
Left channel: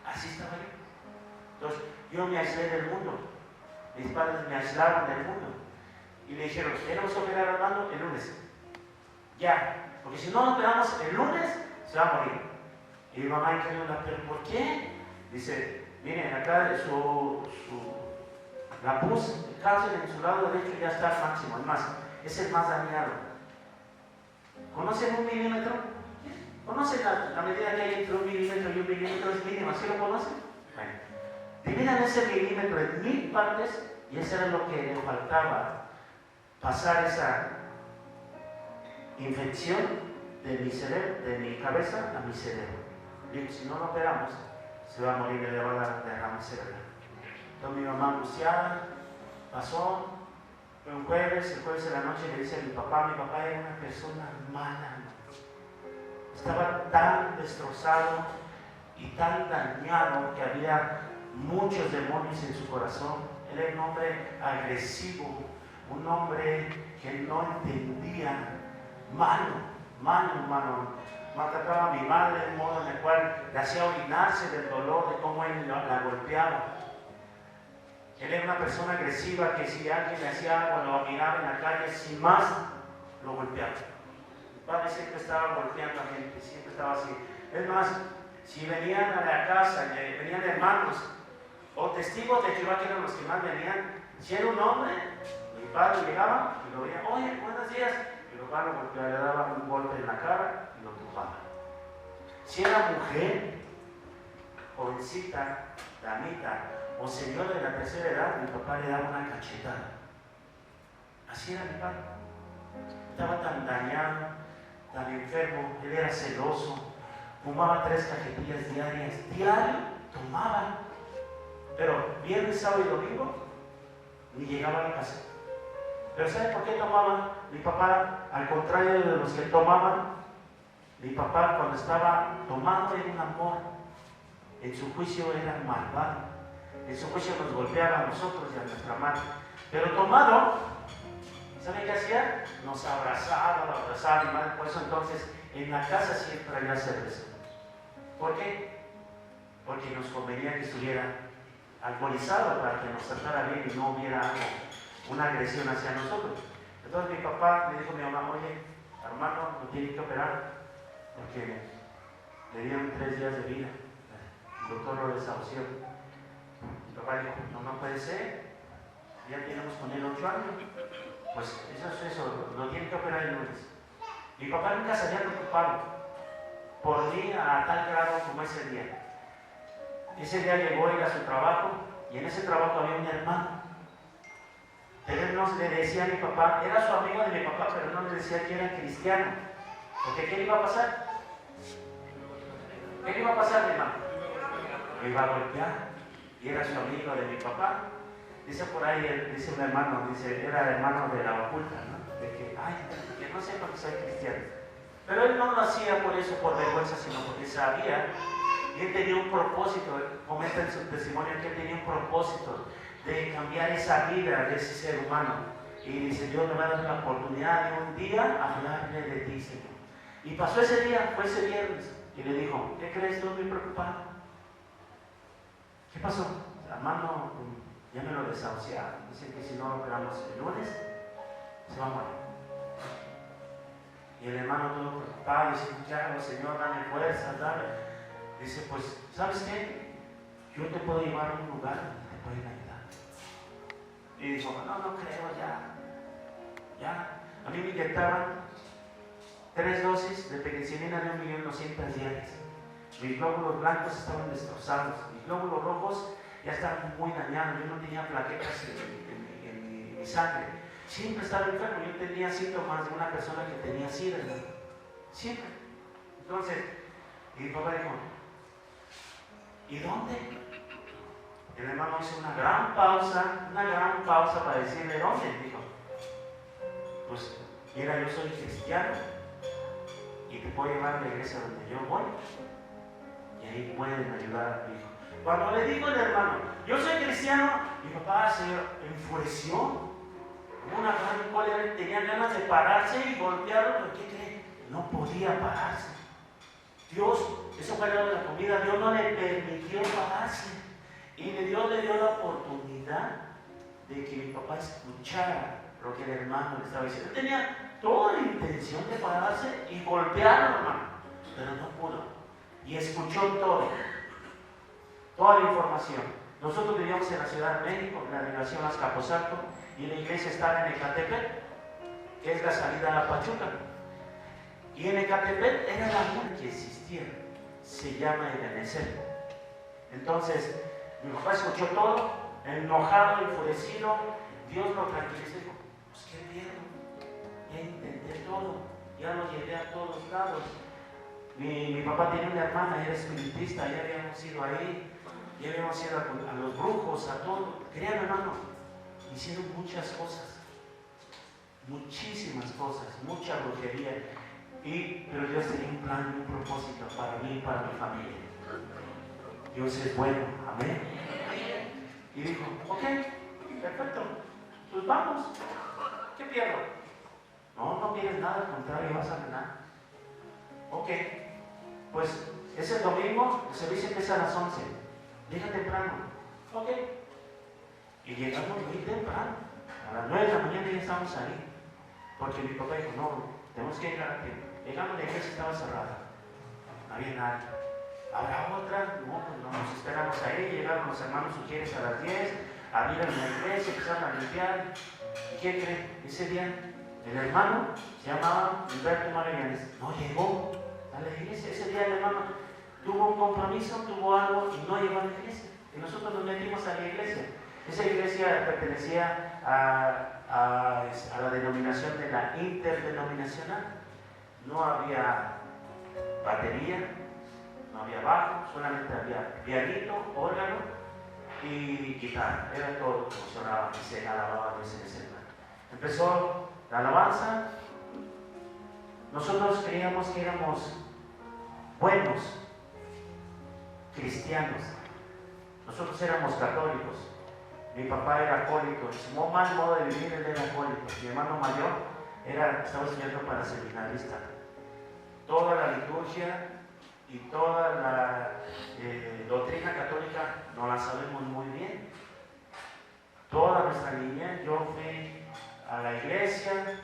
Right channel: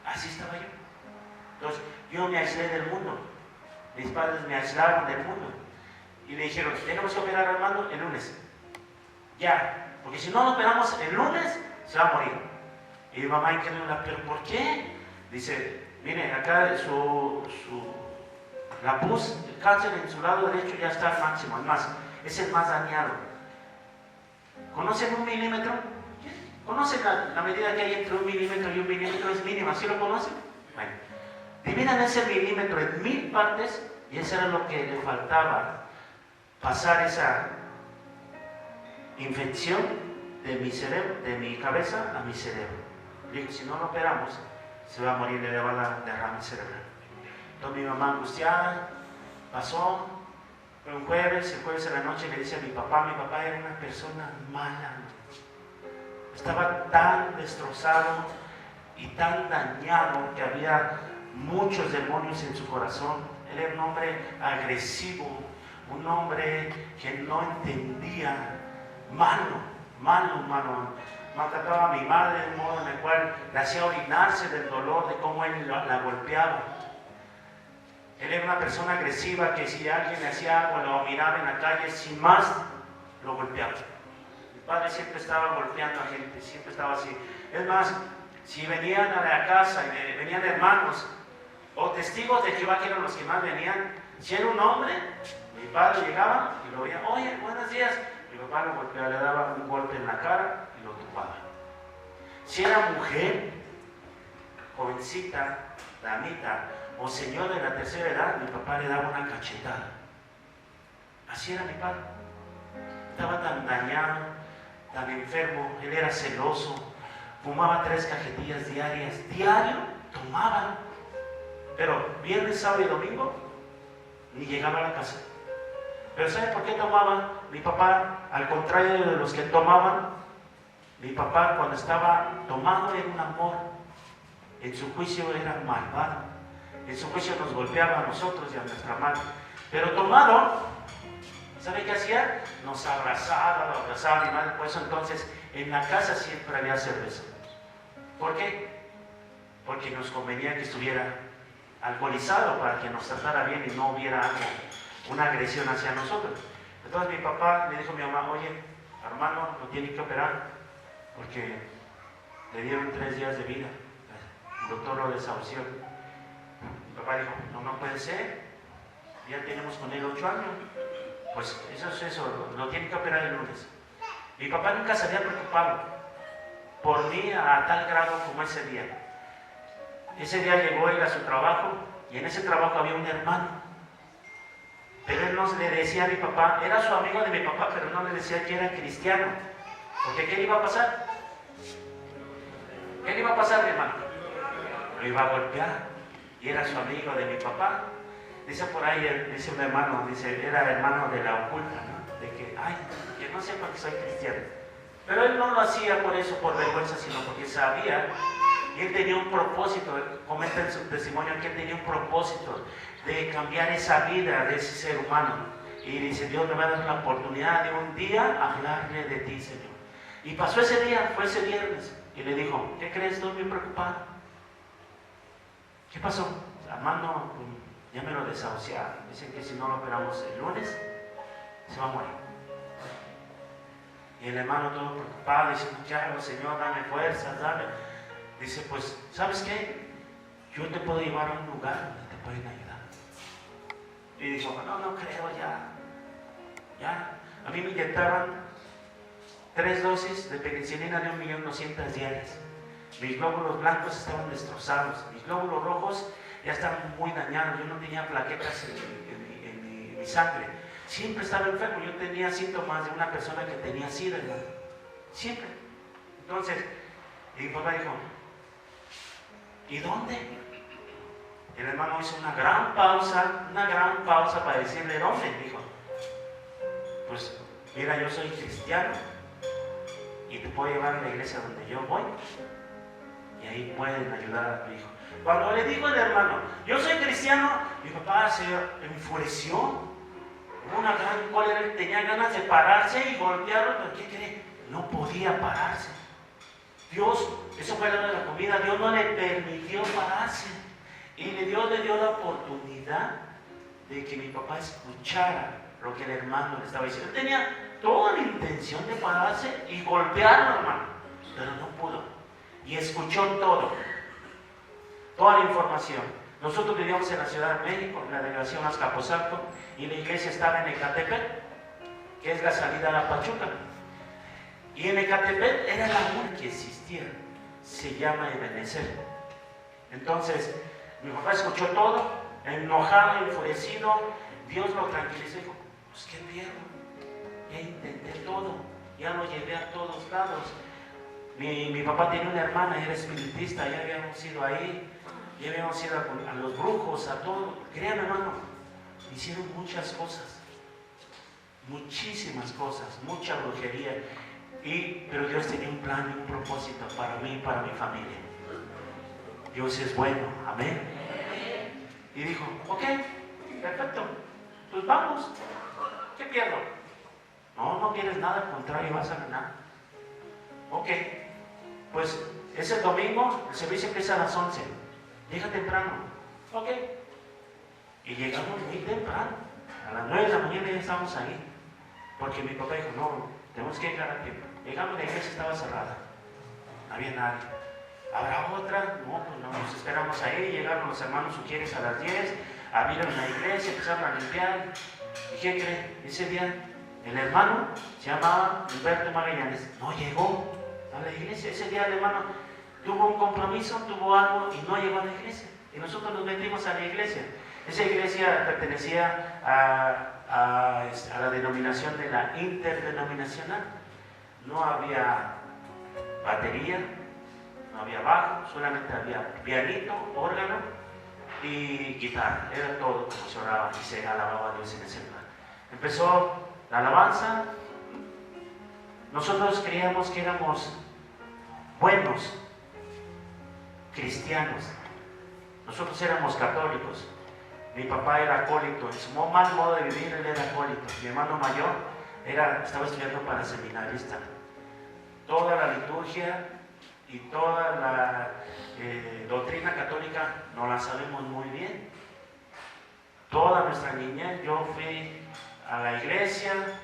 Así estaba yo. Entonces, yo me aislé del mundo. mis padres me aislaron del mundo. Y le dijeron, tenemos que operar al hermano el lunes. Ya, porque si no lo operamos el lunes, se va a morir. Y mi mamá incrédula, ¿pero por qué? Dice, miren, acá la pus, el cáncer en su lado derecho ya está al máximo, al más, es el más dañado. ¿Conocen un milímetro? ¿Conocen la medida que hay entre un milímetro y un milímetro? Es mínima, ¿sí lo conocen? Bueno, dividan ese milímetro en 1000 partes y eso era lo que le faltaba, pasar esa infección de mi cerebro, de mi cabeza a mi cerebro. Digo, si no lo operamos, se va a morir y le va a dar derrame cerebral. Entonces mi mamá angustiada, pasó, fue un jueves, el jueves de la noche le dice a mi papá era una persona mala, estaba tan destrozado y tan dañado que había muchos demonios en su corazón. Él era un hombre agresivo, un hombre que no entendía, malo. Maltrataba a mi madre de un modo en el cual le hacía orinarse del dolor de cómo él la golpeaba. Él era una persona agresiva que si alguien le hacía algo, lo miraba en la calle, sin más, lo golpeaba. Mi padre siempre estaba golpeando a gente, siempre estaba así. Es más, si venían a la casa, venían hermanos o testigos de Jehová, que eran los que más venían, si era un hombre, mi padre llegaba y lo veía, oye, buenos días. Mi papá lo golpeaba, le daba un golpe en la cara y lo tumbaba. Si era mujer, jovencita, damita o señor de la tercera edad, mi papá le daba una cachetada. Así era mi padre. Estaba tan dañado, tan enfermo, él era celoso, fumaba 3 cajetillas diarias, diario tomaba, pero viernes, sábado y domingo ni llegaba a la casa. Pero ¿sabe por qué tomaba? Mi papá, al contrario de los que tomaban, mi papá cuando estaba tomando era un amor, en su juicio era malvado, en su juicio nos golpeaba a nosotros y a nuestra madre. Pero tomado, ¿sabe qué hacía? Nos abrazaba, lo abrazaba mi madre. Por eso entonces en la casa siempre había cerveza. ¿Por qué? Porque nos convenía que estuviera alcoholizado para que nos tratara bien y no hubiera algo, una agresión hacia nosotros. Entonces mi papá le dijo a mi mamá, oye, hermano, lo tiene que operar porque le dieron 3 días de vida. El doctor lo desahució. Mi papá dijo, no puede ser, ya tenemos con él 8 años. Pues eso, lo tiene que operar el lunes. Mi papá nunca se había preocupado por mí a tal grado como ese día. Ese día llegó él a su trabajo y en ese trabajo había un hermano. Pero él no le decía a mi papá, era su amigo de mi papá, pero no le decía que era cristiano. Porque ¿qué le iba a pasar? ¿Qué le iba a pasar, mi hermano? Lo iba a golpear. Y era su amigo de mi papá. Dice por ahí, dice un hermano, dice, era hermano de la oculta, ¿no? De que, que no sepa que soy cristiano. Pero él no lo hacía por eso, por vergüenza, sino porque sabía que él tenía un propósito. Comenta en su testimonio que él tenía un propósito de cambiar esa vida de ese ser humano. Y dice, Dios me va a dar la oportunidad de un día hablarle de ti, Señor. Y pasó ese día, fue ese viernes, y le dijo, ¿qué crees? Estoy bien preocupado. ¿Qué pasó? Hermano, ya me lo desahuciaron. Dicen que si no lo operamos el lunes, se va a morir. Y el hermano todo preocupado, dice, ya, Señor, dame fuerzas, dame. Dice, pues, ¿sabes qué? Yo te puedo llevar a un lugar donde te pueden ayudar. Y dijo, no creo, ya. A mí me inyectaban 3 dosis de penicilina de 1.200.000 diarias. Mis glóbulos blancos estaban destrozados, mis glóbulos rojos ya estaban muy dañados. Yo no tenía plaquetas en mi sangre. Siempre estaba enfermo. Yo tenía síntomas de una persona que tenía SIDA, ¿verdad? Siempre. Entonces, mi papá dijo, ¿y dónde? El hermano hizo una gran pausa para decirle, ¿dónde? Dijo, pues, mira, yo soy cristiano y te puedo llevar a la iglesia donde yo voy y ahí pueden ayudar a mi hijo. Cuando le dijo el hermano, yo soy cristiano, mi papá se enfureció. Una gran cólera, tenía ganas de pararse y golpearlo, pero ¿qué cree? No podía pararse. Dios, eso fue la de la comida, Dios no le permitió pararse. Y Dios le dio la oportunidad de que mi papá escuchara lo que el hermano le estaba diciendo. Él tenía toda la intención de pararse y golpearlo, hermano, pero no pudo. Y escuchó todo, toda la información. Nosotros vivíamos en la Ciudad de México, en la delegación Azcapotzalco, y la iglesia estaba en Ecatepec, que es la salida a Pachuca. Y en Ecatepec era la única que existía, se llama Ebenezer. Entonces, mi papá escuchó todo, enojado, enfurecido. Dios lo tranquilizó y dijo: pues qué pierdo, ya intenté todo, ya lo llevé a todos lados. Mi papá tiene una hermana, era espiritista, ya habíamos ido ahí, ya habíamos ido a los brujos, a todo. Créanme, hermano, hicieron muchas cosas, muchísimas cosas, mucha brujería. Pero Dios tenía un plan y un propósito para mí y para mi familia. Dios es bueno, amén. Y dijo: ok, perfecto, pues vamos. ¿Qué pierdo? No pierdes nada, al contrario, vas a ganar. Ok, pues ese domingo el servicio empieza a las 11. Llega temprano. Ok. Y llegamos muy temprano. A las 9 de la mañana ya estábamos ahí. Porque mi papá dijo: no, tenemos que llegar a tiempo. Llegamos, la iglesia estaba cerrada. No había nadie. ¿Habrá otra? No, pues no, nos esperamos ahí. Llegaron los hermanos Ujieres a las 10. Abrieron la iglesia, empezaron a limpiar. ¿Y quién cree? Ese día el hermano se llamaba Humberto Magallanes. No llegó a la iglesia. Ese día el hermano tuvo un compromiso, tuvo algo y no llegó a la iglesia. Y nosotros nos metimos a la iglesia. Esa iglesia pertenecía a la denominación de la interdenominacional. No había batería, no había bajo, solamente había pianito, órgano y guitarra. Era todo como se oraba y se alababa a Dios en ese lugar. Empezó la alabanza. Nosotros creíamos que éramos buenos cristianos. Nosotros éramos católicos. Mi papá era acólito. En su mal modo de vivir, él era acólito. Mi hermano mayor estaba estudiando para seminarista. Toda la liturgia y toda la doctrina católica no la sabemos muy bien. Toda nuestra niñez, yo fui a la iglesia,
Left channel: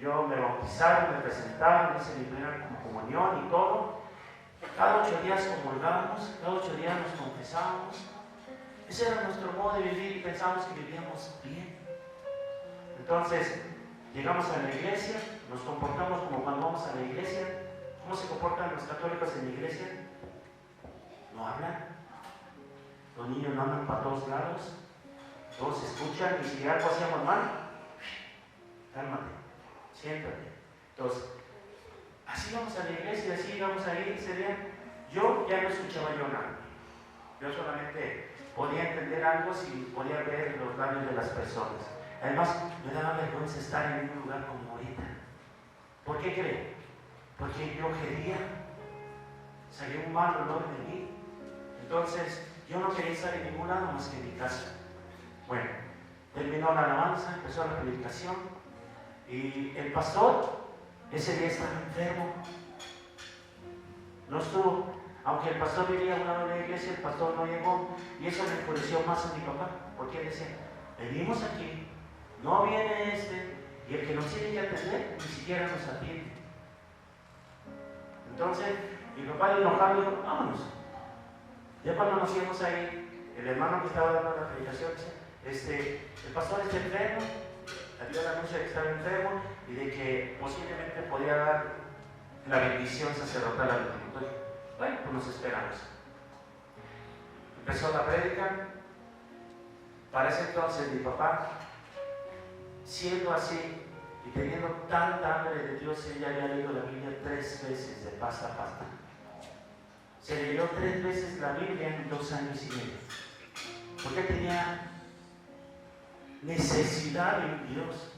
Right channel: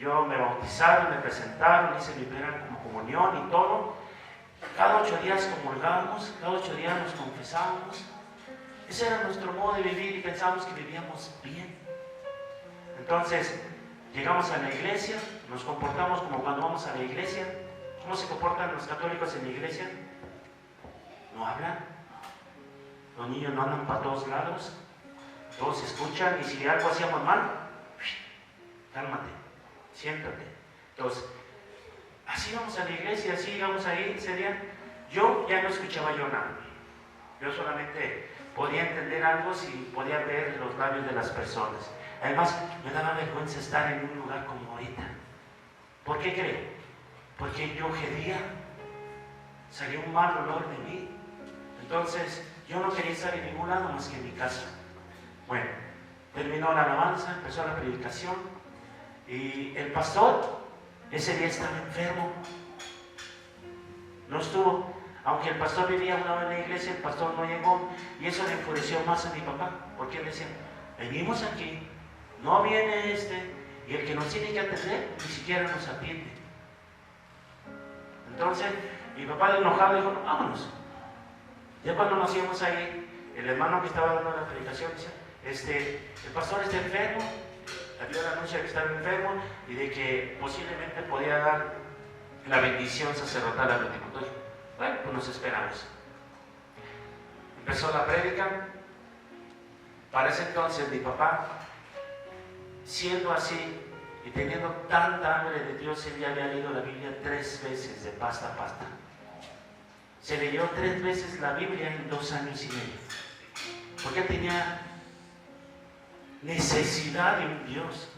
me bautizaron, me presentaron, hice mi primera comunión y todo. Cada 8 días comulgábamos, cada 8 días nos confesábamos. Ese era nuestro modo de vivir y pensábamos que vivíamos bien. Entonces, llegamos a la iglesia, nos comportamos como cuando vamos a la iglesia. ¿Cómo se comportan los católicos en la iglesia? No hablan. Los niños no andan para todos lados. Todos escuchan y si algo hacíamos mal, cálmate, siéntate. Entonces, así vamos a la iglesia, así íbamos ahí ese día. Yo ya no escuchaba yo nada. Yo solamente podía entender algo si podía ver los labios de las personas. Además, me daba vergüenza estar en un lugar como ahorita. ¿Por qué cree? Porque yo gedía, salió un mal olor de mí. Entonces, yo no quería estar en ningún lado más que en mi casa. Bueno, terminó la alabanza, empezó la predicación y el pastor ese día estaba enfermo. No estuvo. Aunque el pastor vivía una vez en la iglesia, el pastor no llegó y eso le enfureció más a mi papá, porque él decía: venimos aquí, no viene y el que nos tiene que atender ni siquiera nos atiende. Entonces mi papá, enojado, dijo: vámonos. Ya cuando nos íbamos ahí, el hermano que estaba dando la predicación dice: el pastor está enfermo, dio la anuncio de que estaba enfermo y de que posiblemente podía dar la bendición sacerdotal al último. Bueno, pues nos esperamos. Empezó la prédica. Para ese entonces mi papá, siendo así y teniendo tanta hambre de Dios, él ya había leído la Biblia 3 veces de pasta a pasta. Se leyó 3 veces la Biblia en 2 años y medio. Porque tenía necesidad de un Dios.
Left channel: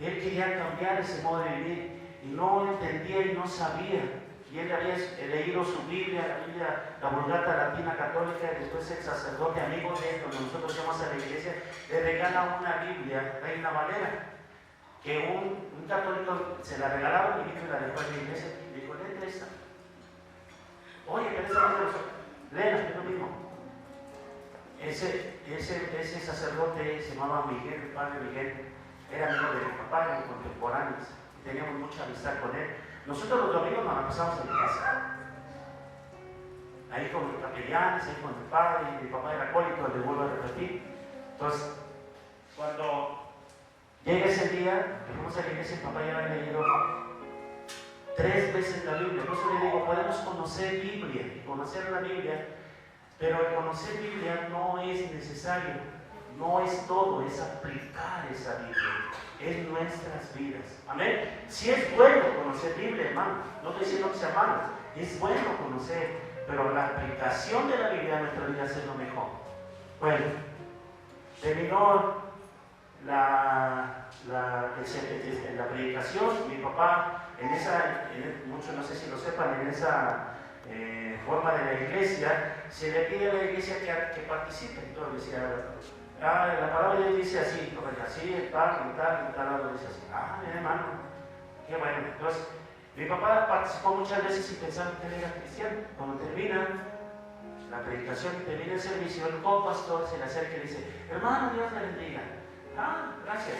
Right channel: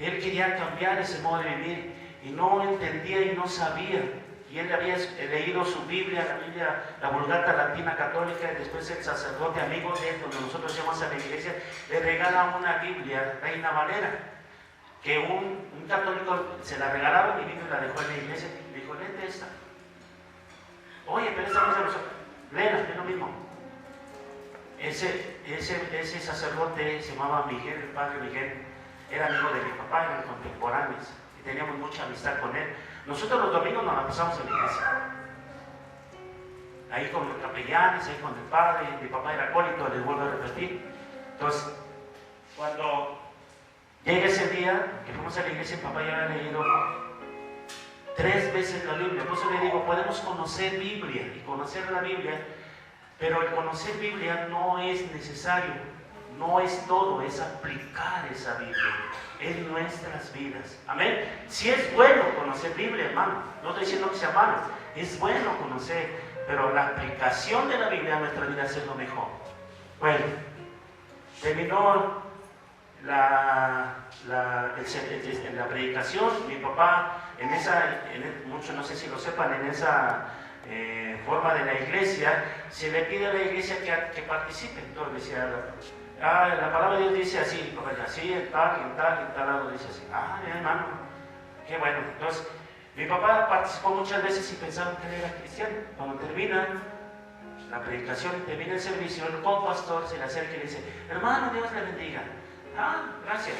Él quería cambiar ese modo de vivir y no entendía y no sabía. Y él había leído su Biblia, la Vulgata Latina Católica, y después el sacerdote amigo de él, donde nosotros llamamos a la iglesia, le regala una Biblia, Reina Valera, que un católico se la regalaron y vino y la dejó en la iglesia y le dijo: léete esta. Oye, pero esta no es de nosotros. Léela, es lo mismo. ese sacerdote se llamaba Miguel, el padre Miguel, era amigo de mi papá, eran contemporáneos, y teníamos mucha amistad con él. Nosotros los domingos nos la pasamos en la iglesia, ahí con los capellanes, ahí con el padre. Mi papá era acólito, les vuelvo a repetir. Entonces, cuando llega ese día que fuimos a la iglesia, mi papá ya había leído 3 veces la Biblia. Por eso le digo, podemos conocer Biblia y conocer la Biblia, pero el conocer Biblia no es necesario, no es todo, es aplicar esa Biblia en nuestras vidas. Amén. Si es bueno conocer Biblia, hermano, no estoy diciendo que sea malo, es bueno conocer, pero la aplicación de la Biblia a nuestra vida es lo mejor. Bueno, terminó la predicación. Mi papá, muchos no sé si lo sepan, en esa forma de la iglesia, se le pide a la iglesia que participe. Entonces decía, la palabra de Dios dice así, así, en tal lado dice así. Hermano, qué bueno. Entonces, mi papá participó muchas veces y pensaba que él era cristiano. Cuando termina la predicación y termina el servicio, el pastor se le acerca y le dice, hermano, Dios le bendiga. Gracias.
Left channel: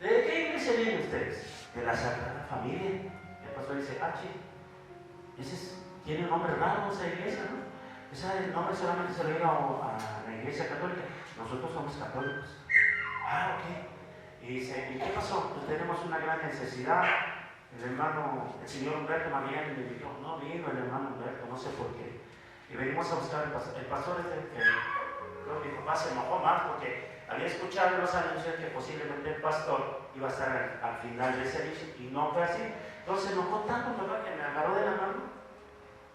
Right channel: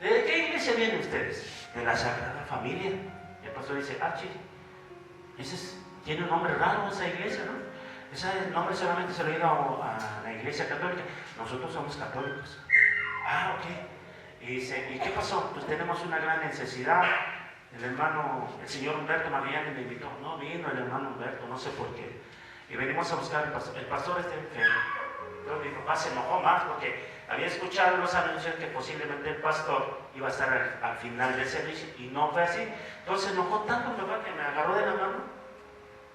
¿De qué iglesia vienen ustedes? De la Sagrada Familia. El pastor dice, tiene un nombre raro esa iglesia, ¿no? Ese nombre solamente se lo dio a la iglesia católica. Nosotros somos católicos. Ok. Y dice, ¿y qué pasó? Pues tenemos una gran necesidad. El señor Humberto Mariani me invitó. No vino el hermano Humberto, no sé por qué. Y venimos a buscar el pastor enfermo. Entonces mi papá se enojó más porque había escuchado los anuncios que posiblemente el pastor iba a estar al final del servicio y no fue así. Entonces se enojó tanto mi papá que me agarró de la mano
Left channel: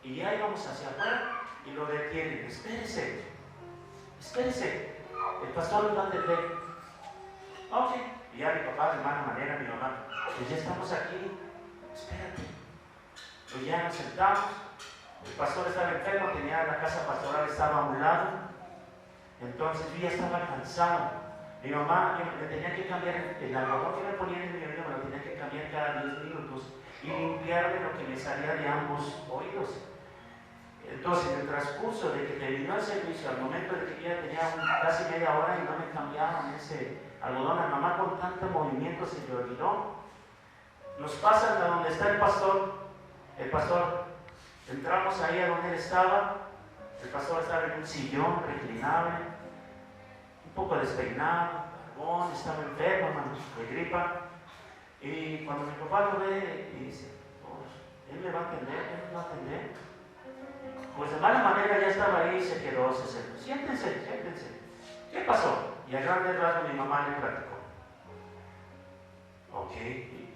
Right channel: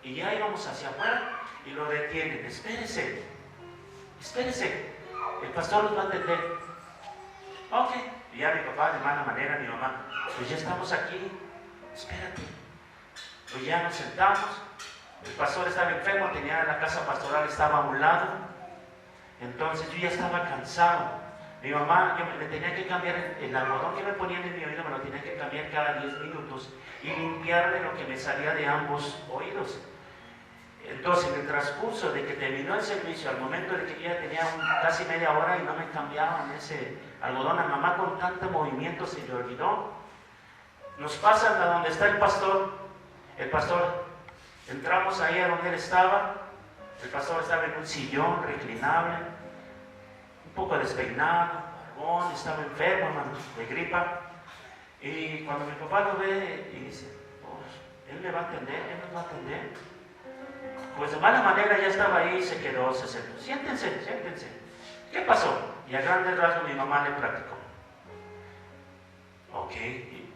y ya íbamos hacia afuera y lo detienen. Espérese, el pastor nos va a atender. Ok. Y ya mi papá, de mala manera, mi mamá, pues ya estamos aquí, espérate. Pues ya nos sentamos. El pastor estaba enfermo, tenía la casa pastoral, estaba a un lado. Entonces yo ya estaba cansado. Mi mamá, yo me tenía que cambiar el algodón que me ponían en mi oído, me lo tenía que cambiar cada 10 minutos y limpiarle lo que me salía de ambos oídos. Entonces, en el transcurso de que terminó el servicio, al momento de que yo ya tenía casi media hora y no me cambiaban ese algodón, a mamá con tanto movimiento se le olvidó. Nos pasan a donde está el pastor. Entramos ahí a donde él estaba. El pastor estaba en un sillón reclinable, un poco despeinado, barbón, estaba enfermo, hermano, de gripa. Y cuando mi papá lo ve y dice, él me va a atender, él nos va a atender. Pues de mala manera ya estaba ahí, se quedó, se sentó. Siéntense. ¿Qué pasó? Y a grandes rasgos mi mamá le platicó. Ok.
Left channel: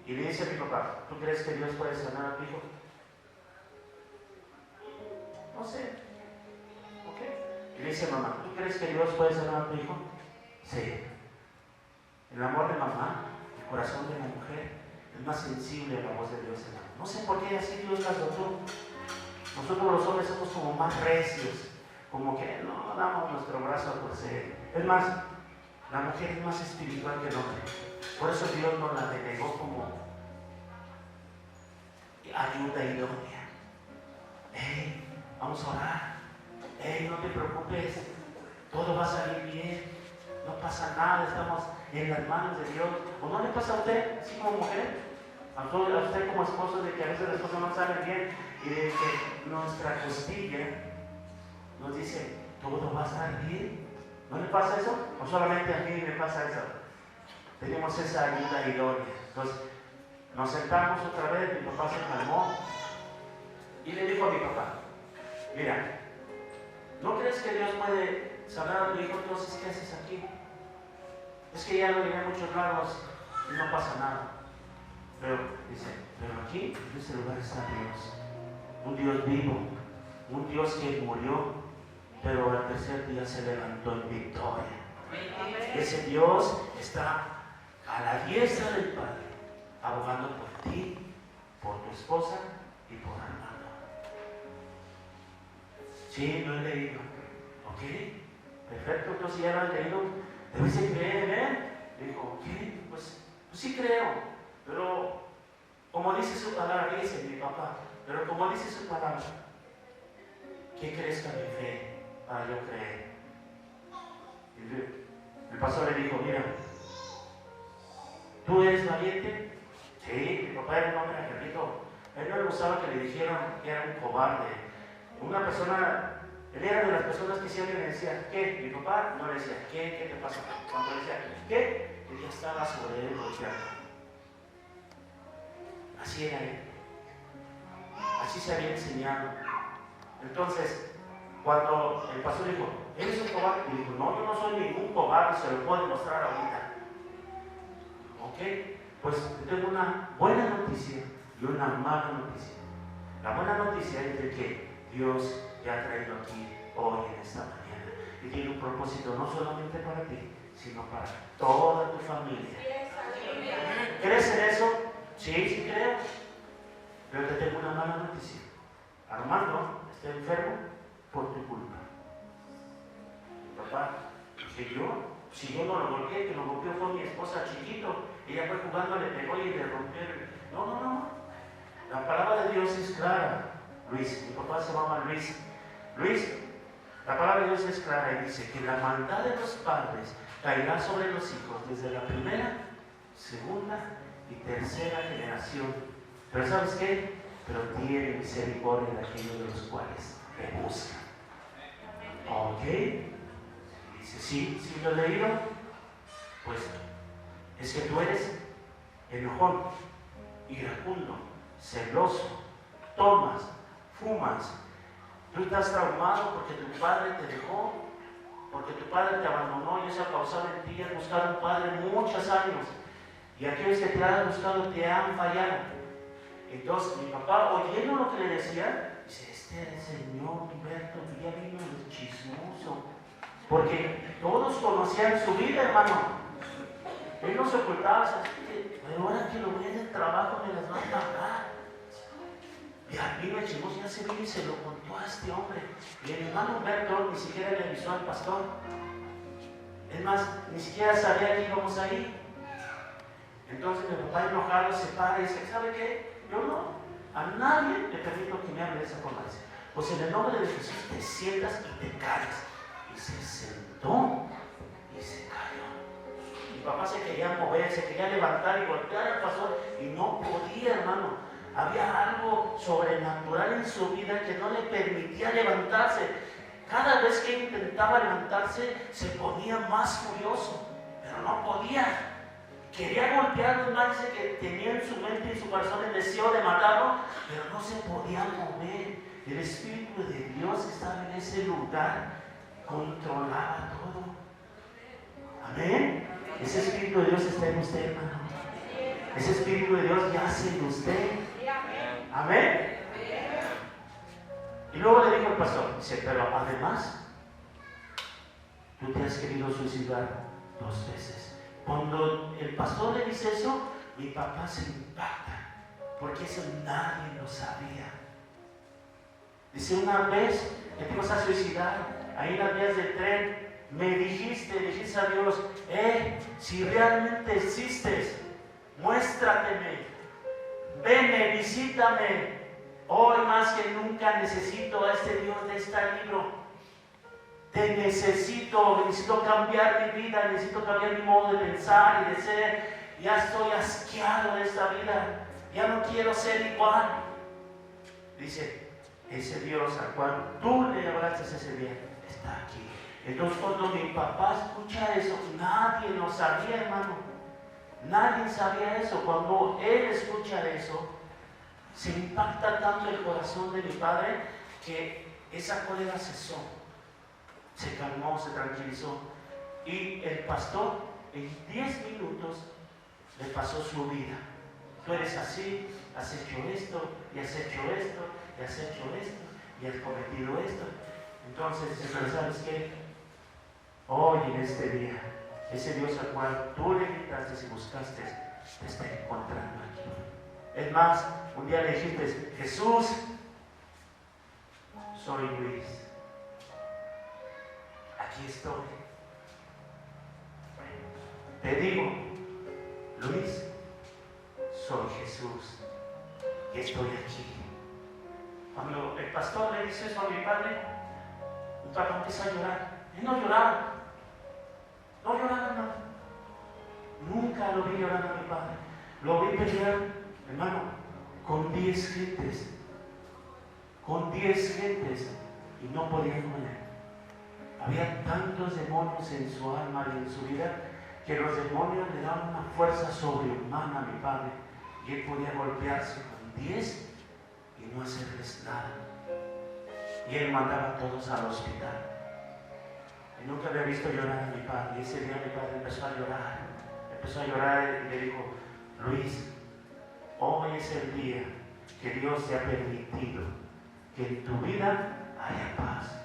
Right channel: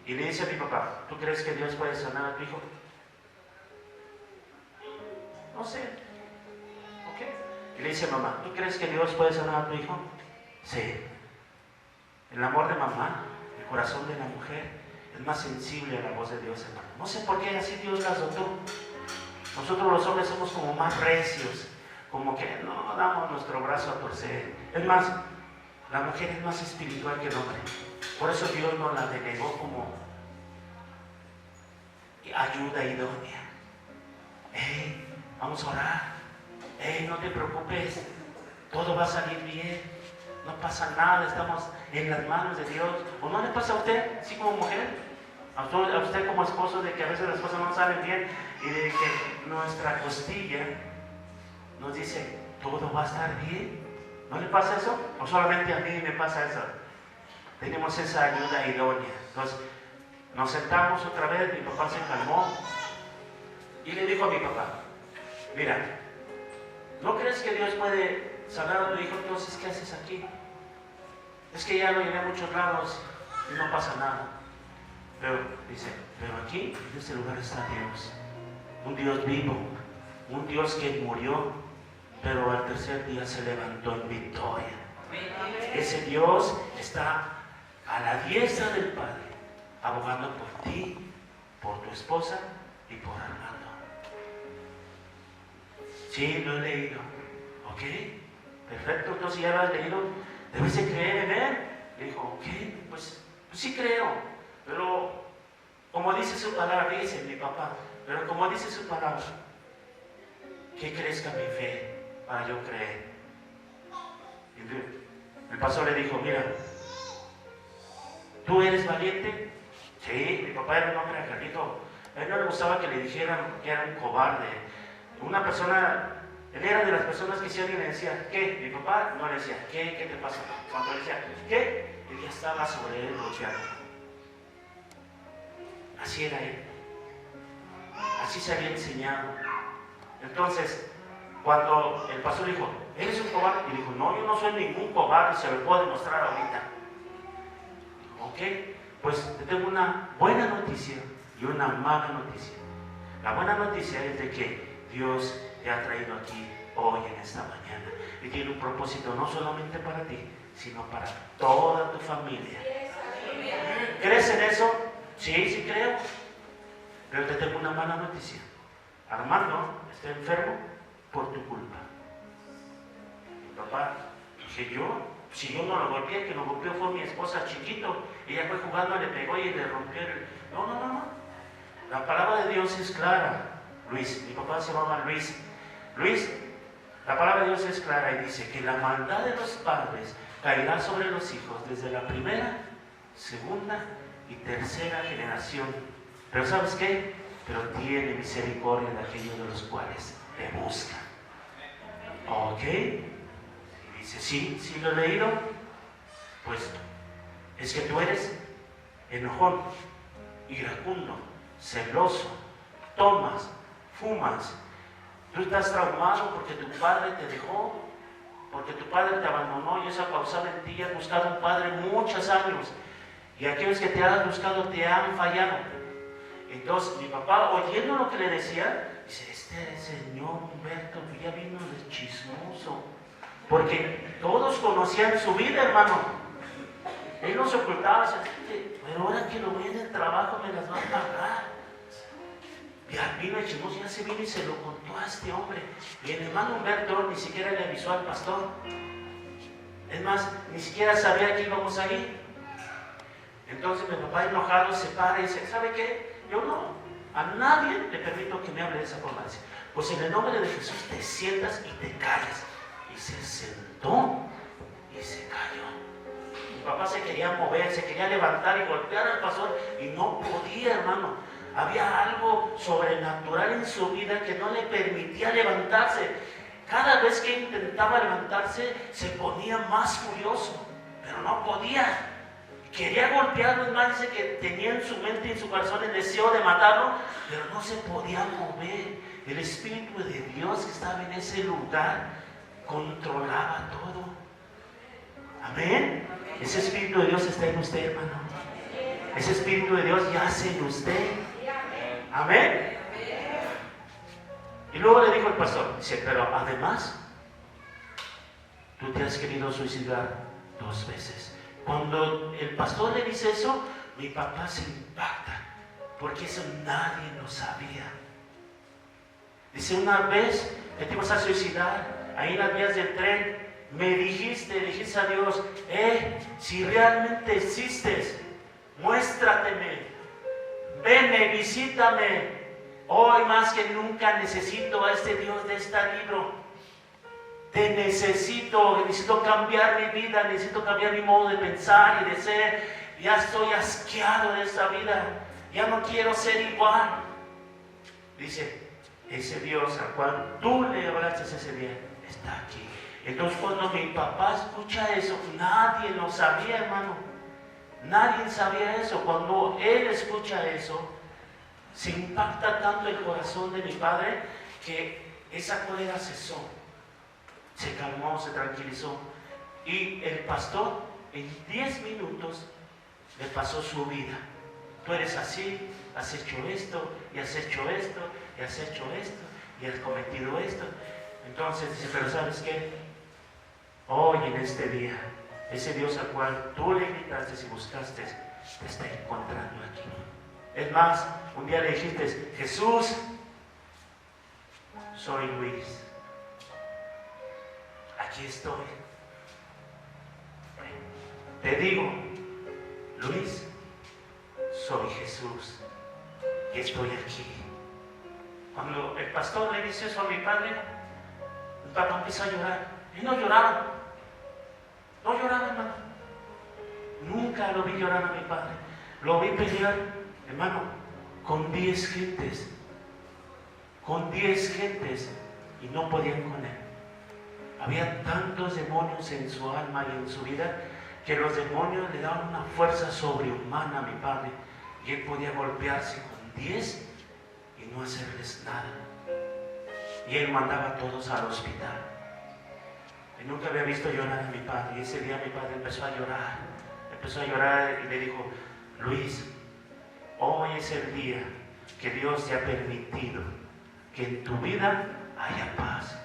Y le dice a mi papá, ¿tú crees que Dios puede sanar a tu hijo? No sé. Ok. Y le dice a mamá, ¿tú crees que Dios puede sanar a tu hijo? Sí. El amor de mamá, el corazón de la mujer, es más sensible a la voz de Dios, hermano. No sé por qué así Dios las dotó. Nosotros los hombres somos como más recios, como que no damos nuestro brazo a torcer. Es más, la mujer es más espiritual que el hombre. Por eso Dios nos la delegó como ayuda idónea. Vamos a orar. No te preocupes, todo va a salir bien. No pasa nada, estamos en las manos de Dios. ¿O no le pasa a usted, así como mujer? A usted como esposo, de que a veces las cosas no salen bien y de que nuestra costilla nos dice, todo va a estar bien. ¿No le pasa eso? ¿O solamente a mí me pasa eso? Tenemos esa ayuda idónea. Entonces, nos sentamos otra vez, mi papá se calmó y le dijo a mi papá, mira, ¿no crees que Dios puede sanar a tu hijo? Entonces, ¿qué haces aquí? Es que ya lo llevé a muchos lados y no pasa nada. Pero aquí, en este lugar está Dios, un Dios vivo, un Dios que murió, pero al tercer día se levantó en victoria. Ese Dios está a la diestra del Padre, abogando por ti, por tu esposa y por Armando. Sí, lo he leído. Ok, perfecto, entonces ya lo has leído, debes de creer en él. Le dijo, ok, pues sí creo. Pero, como dice su palabra, dice mi papá, pero como dice su palabra, que crezca mi fe para yo creer. El pastor le dijo, mira, ¿tú eres valiente? Sí, mi papá era un hombre acredito. A él no le gustaba que le dijeran que era un cobarde. Una persona, él era de las personas que si alguien le decía, ¿qué? Mi papá no le decía, ¿qué te pasa? Cuando le decía, ¿qué? Él ya estaba sobre él golpeando. Así era él. Así se había enseñado. Entonces, cuando el pastor dijo, ¿eres un cobarde? Y dijo, no, yo no soy ningún cobarde, se lo puedo demostrar ahorita. Ok, pues te tengo una buena noticia y una mala noticia. La buena noticia es de que Dios te ha traído aquí hoy en esta mañana y tiene un propósito no solamente para ti, sino para toda tu familia. ¿Crees en eso? Sí, sí creo. Pero te tengo una mala noticia. Armando está enfermo por tu culpa. Papá, dije yo, si yo no lo golpeé, que lo golpeó fue mi esposa chiquito. Ella fue jugando, le pegó y le rompió el... No. La palabra de Dios es clara. Luis, mi papá se llama Luis. Luis, la palabra de Dios es clara y dice que la maldad de los padres caerá sobre los hijos desde la primera, segunda y tercera generación. Pero ¿sabes qué? Pero tiene misericordia de aquellos de los cuales le buscan. ¿Ok? Y dice, sí lo he leído. Pues es que tú eres enojón, iracundo, celoso, tomas, fumas. Tú estás traumado porque tu padre te dejó, porque tu padre te abandonó y eso ha causado en ti. Has buscado un padre muchos años y aquellos que te han buscado te han fallado. Entonces mi papá, oyendo lo que le decía, dice, este señor Humberto ya vino de chismoso, porque todos conocían su vida, hermano. Él no se ocultaba, pero ahora que lo viene el trabajo me las va a pagar. Y al vino el chismoso, ya se vino y se lo contó a este hombre. Y el hermano Humberto ni siquiera le avisó al pastor. Es más, ni siquiera sabía que íbamos a ir. Entonces mi papá enojado se para y dice, ¿sabe qué? Yo no, a nadie le permito que me hable de esa forma. Dice, pues en el nombre de Jesús te sientas y te calles. Y se sentó y se cayó. Mi papá se quería mover, se quería levantar y golpear al pastor y no podía, hermano. Había algo sobrenatural en su vida que no le permitía levantarse. Cada vez que intentaba levantarse se ponía más furioso, pero no podía. Quería golpearlo, es más, dice que tenía en su mente y en su corazón el deseo de matarlo, pero no se podía mover. El Espíritu de Dios que estaba en ese lugar controlaba todo. Amén. Ese Espíritu de Dios está en usted, hermano. Ese Espíritu de Dios yace en usted. Amén. Y luego le dijo el pastor, dice, pero además, tú te has querido suicidar 2 veces. Cuando el pastor le dice eso, mi papá se impacta, porque eso nadie lo sabía. Dice, una vez que te ibas a suicidar, ahí en las vías del tren, me dijiste a Dios, si realmente existes, muéstrateme, veme, visítame. Hoy más que nunca necesito a este Dios de este libro. Te necesito cambiar mi vida, necesito cambiar mi modo de pensar y de ser. Ya estoy asqueado de esta vida, ya no quiero ser igual. Dice, ese Dios al cual tú le hablaste ese día, está aquí. Entonces cuando mi papá escucha eso, nadie lo sabía, hermano. Nadie sabía eso. Cuando él escucha eso, se impacta tanto el corazón de mi padre que esa cólera cesó. Se calmó, se tranquilizó. Y el pastor en 10 minutos le pasó su vida. Tú eres así, has hecho esto, y has hecho esto, y has hecho esto, y has cometido esto. Entonces dice, pero ¿sabes qué? Hoy en este día, ese Dios al cual tú le invitaste y buscaste, te está encontrando aquí. Es más, un día le dijiste, Jesús, soy Luis. Aquí estoy. Te digo, Luis, soy Jesús y estoy aquí. Cuando el pastor le dice eso a mi padre, papá empieza a llorar. Y no lloraba. No lloraba, hermano. Nunca lo vi llorar a mi padre. Lo vi pelear, hermano, con 10 gentes. Con 10 gentes. Y no podían con él. Había tantos demonios en su alma y en su vida que los demonios le daban una fuerza sobrehumana a mi padre. Y él podía golpearse con 10 y no hacerles nada. Y él mandaba a todos al hospital. Y nunca había visto llorar a mi padre. Y ese día mi padre empezó a llorar. Empezó a llorar y le dijo: Luis, hoy es el día que Dios te ha permitido que en tu vida haya paz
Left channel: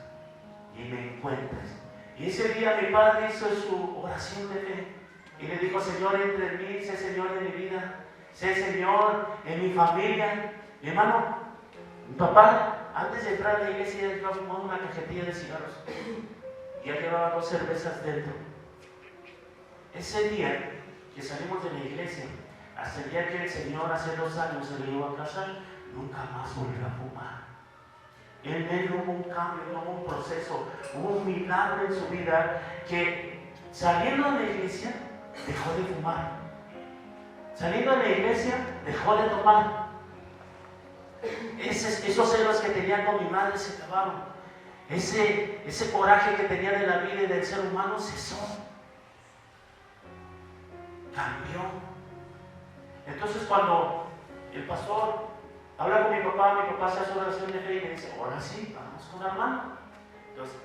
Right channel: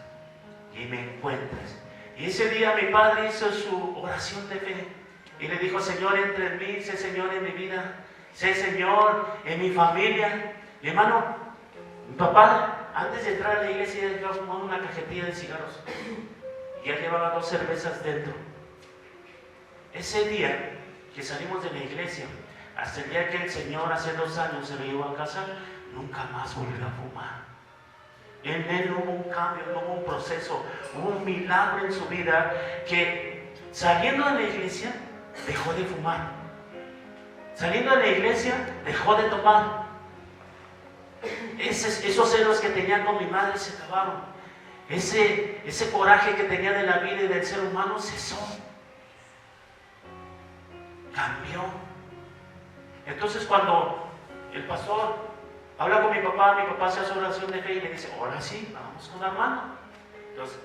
y me encuentres. Y ese día mi padre hizo su oración de fe y le dijo: Señor, entre en mí, sé Señor en mi vida, sé Señor en mi familia. Mi hermano, mi papá, antes de entrar a la iglesia, iba a fumar una cajetilla de cigarros. Y él llevaba 2 cervezas dentro. Ese día que salimos de la iglesia, hasta el día que el Señor hace 2 años se lo llevó a casa, nunca más volvió a fumar. En él no hubo un cambio, no hubo un proceso, hubo un milagro en su vida que saliendo de la iglesia dejó de fumar. Saliendo de la iglesia dejó de tomar. Esos celos que tenía con mi madre se acabaron. Ese coraje que tenía de la vida y del ser humano cesó. Cambió. Entonces cuando el pastor habla con mi papá se hace oración de fe y me dice: ahora sí, vamos con la hermano. Entonces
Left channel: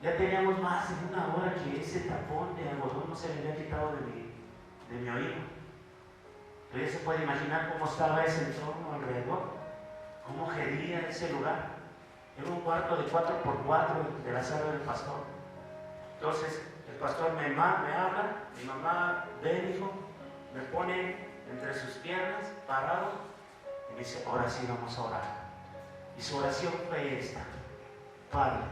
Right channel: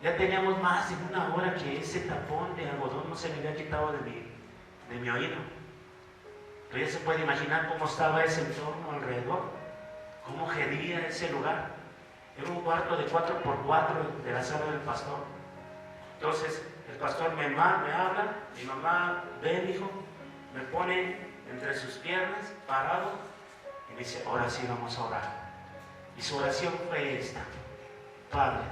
ya teníamos más de 1 hora que ese tapón de algodón no se me había quitado de mi oído. Entonces ya se puede imaginar cómo estaba ese entorno alrededor, cómo gedía ese lugar. Era un cuarto de 4x4 de la sala del pastor. Entonces el pastor me habla, mi mamá ve, hijo, me pone entre sus piernas, parado, y me dice: ahora sí vamos a orar. Y su oración fue esta: Padre,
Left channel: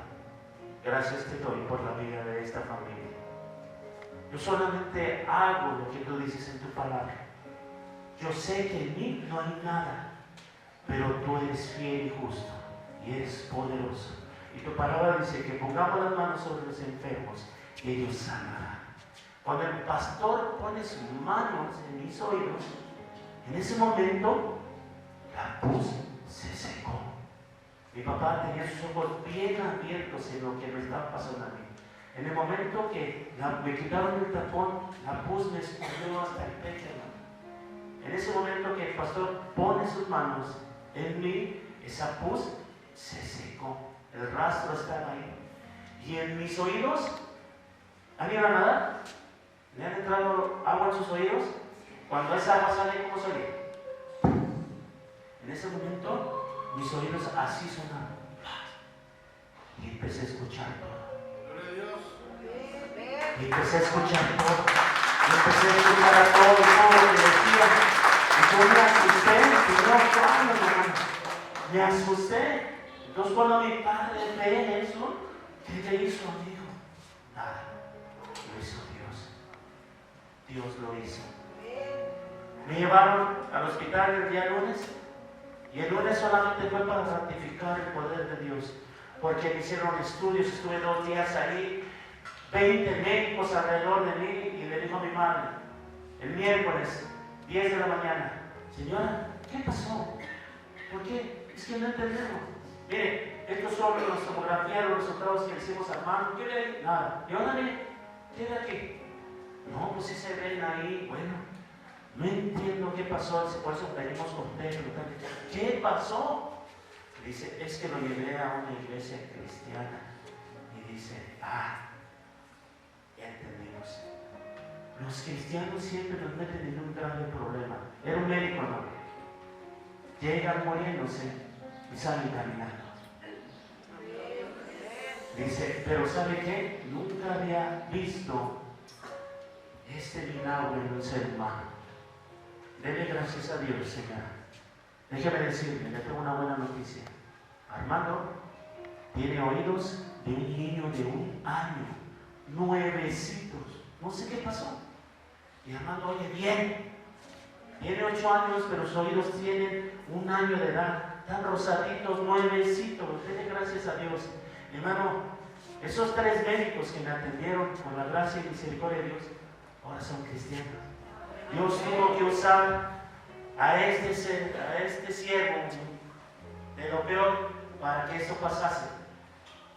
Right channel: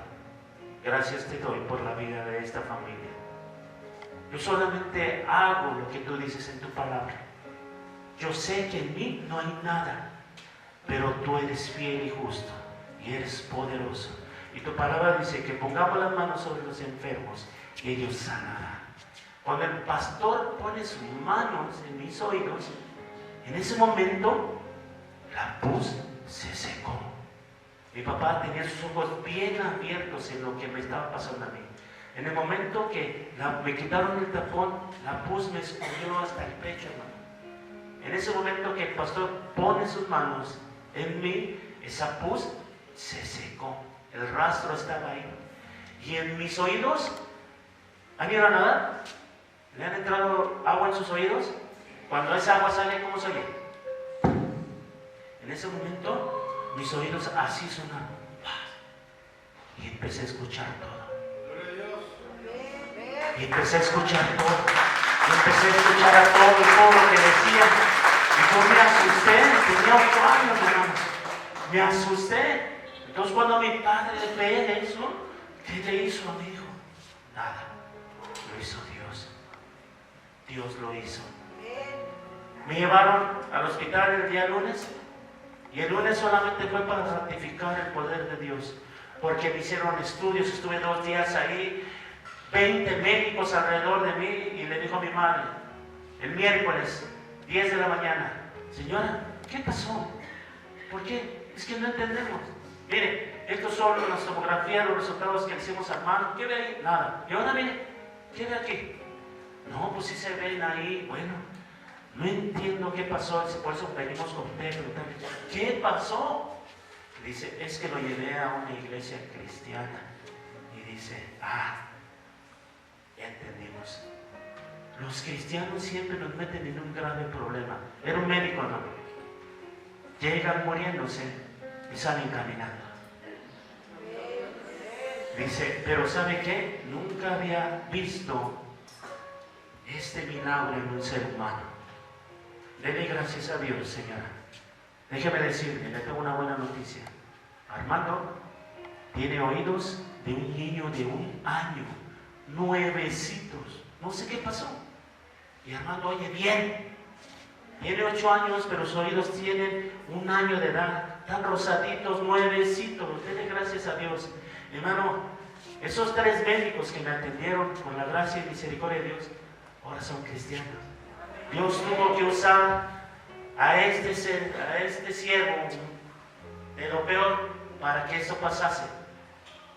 gracias te doy por la vida de esta familia. Yo solamente hago lo que tú dices en tu palabra. Yo sé que en mí no hay nada, pero tú eres fiel y justo. Y eres poderoso. Y tu palabra dice que pongamos las manos sobre los enfermos y ellos sanarán. Cuando el pastor pone sus manos en mis oídos, en ese momento la pus se secó. Mi papá tenía sus ojos bien abiertos en lo que me estaba pasando a mí. En el momento que me quitaron el tapón, la pus me escurrió hasta el pecho, hermano. En ese momento que el pastor pone sus manos en mí, esa pus se secó, el rastro estaba ahí. Y en mis oídos, ¿han ido a nadar? ¿Le han entrado agua en sus oídos? Cuando esa agua sale, ¿cómo sale? En ese momento, mis oídos así sonaron. Y empecé a escuchar todo. Y empecé a escuchar todo. Y empecé a escuchar a todo lo que decía. Y yo me asusté, tenía 8 años, hermano. Me asusté. Entonces cuando mi padre ve eso, ¿qué le hizo a mi hijo? Nada, lo hizo Dios. Dios lo hizo. Me llevaron al hospital el día lunes y el lunes solamente fue para ratificar el poder de Dios, porque me hicieron estudios, estuve 2 días ahí, 20 médicos alrededor de mí, y le dijo a mi madre, el miércoles, 10 de la mañana: señora, ¿qué pasó? ¿Por qué? Es que no entendemos. Mire, estos son las tomografías, los resultados que hicimos a mano. ¿Qué ve ahí? Nada. Y ahora mire, ¿qué ve aquí? No, pues sí se ven ahí. Bueno, no entiendo qué pasó, por eso venimos con Pedro. ¿Qué pasó? Dice: es que lo llevé a una iglesia cristiana. Y dice: ya entendimos. Los cristianos siempre nos meten en un grave problema. Era un médico, ¿no? Llegan muriéndose y salen caminando. Dice: pero ¿sabe qué? Nunca había visto este milagro en un ser humano. Dele gracias a Dios, señora. Déjeme decirle, le tengo una buena noticia. Armando tiene oídos de un niño de 1 año, nuevecitos. No sé qué pasó. Y Armando oye bien. Tiene 8 años, pero sus oídos tienen 1 año de edad. Tan rosaditos, nuevecitos. Dele gracias a Dios. Hermano, Esos 3 médicos que me atendieron con la gracia y misericordia de Dios, ahora son cristianos. Dios tuvo que usar a este siervo de lo peor para que eso pasase.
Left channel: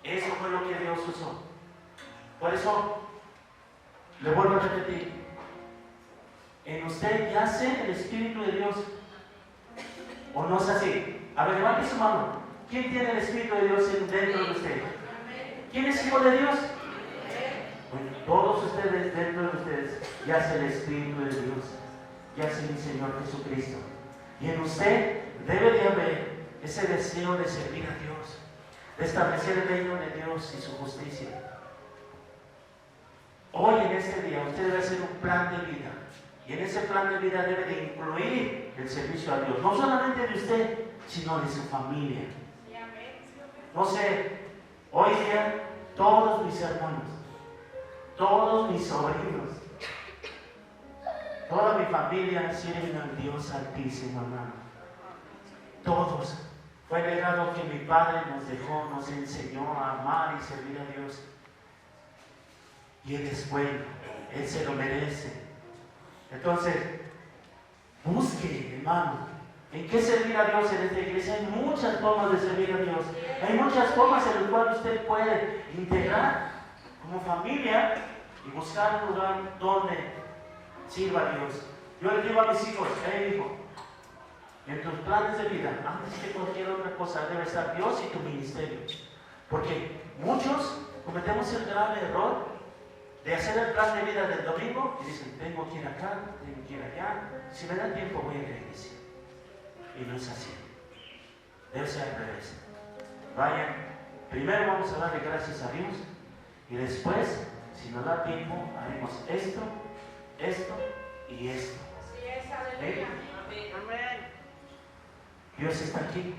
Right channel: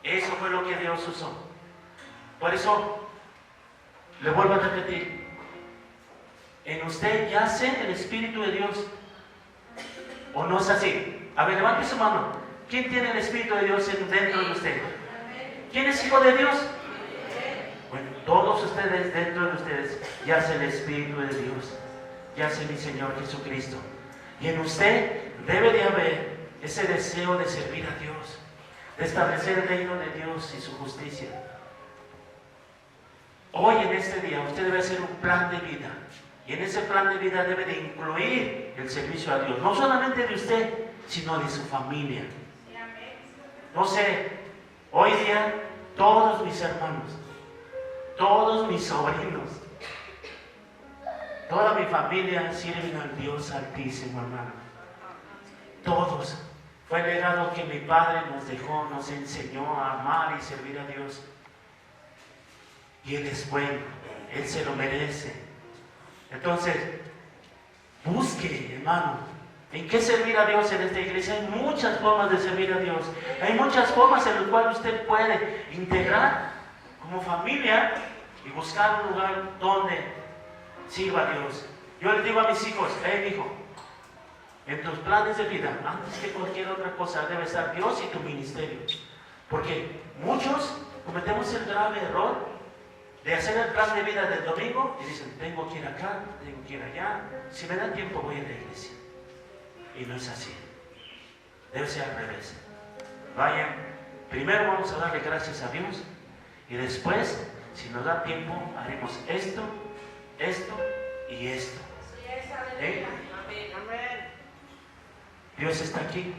Eso fue lo que Dios usó. Por eso, le vuelvo a repetir, en usted yace el Espíritu de Dios, ¿o no es así? A ver, levante su mano. ¿Quién tiene el Espíritu de Dios dentro de usted? ¿Quién es hijo de Dios? Bueno, todos ustedes, dentro de ustedes, yace el Espíritu de Dios, yace mi Señor Jesucristo. Y en usted debe de haber ese deseo de servir a Dios, de establecer el reino de Dios y su justicia. Hoy en este día usted debe hacer un plan de vida, y en ese plan de vida debe de incluir el servicio a Dios, no solamente de usted, sino de su familia. No sé, hoy día todos mis hermanos, todos mis sobrinos, toda mi familia sirven al Dios Altísimo, hermano. Todos. Fue el legado que mi padre nos dejó, nos enseñó a amar y servir a Dios. Y Él es bueno, Él se lo merece. Entonces, busque, hermano, en qué servir a Dios en esta iglesia. Hay muchas formas de servir a Dios. Hay muchas formas en las cuales usted puede integrar como familia y buscar un lugar donde sirva a Dios. Yo les digo a mis hijos, hijo, en tus planes de vida, antes que cualquier otra cosa, debe estar Dios y tu ministerio. Porque muchos cometemos el grave error de hacer el plan de vida del domingo y dicen, tengo que ir acá, tengo que ir allá, si me da tiempo voy a la iglesia. Y no es así. Debe ser al revés. Vayan, primero vamos a darle gracias a Dios y después, si nos da tiempo, haremos esto, esto y esto. Amén. Dios está aquí.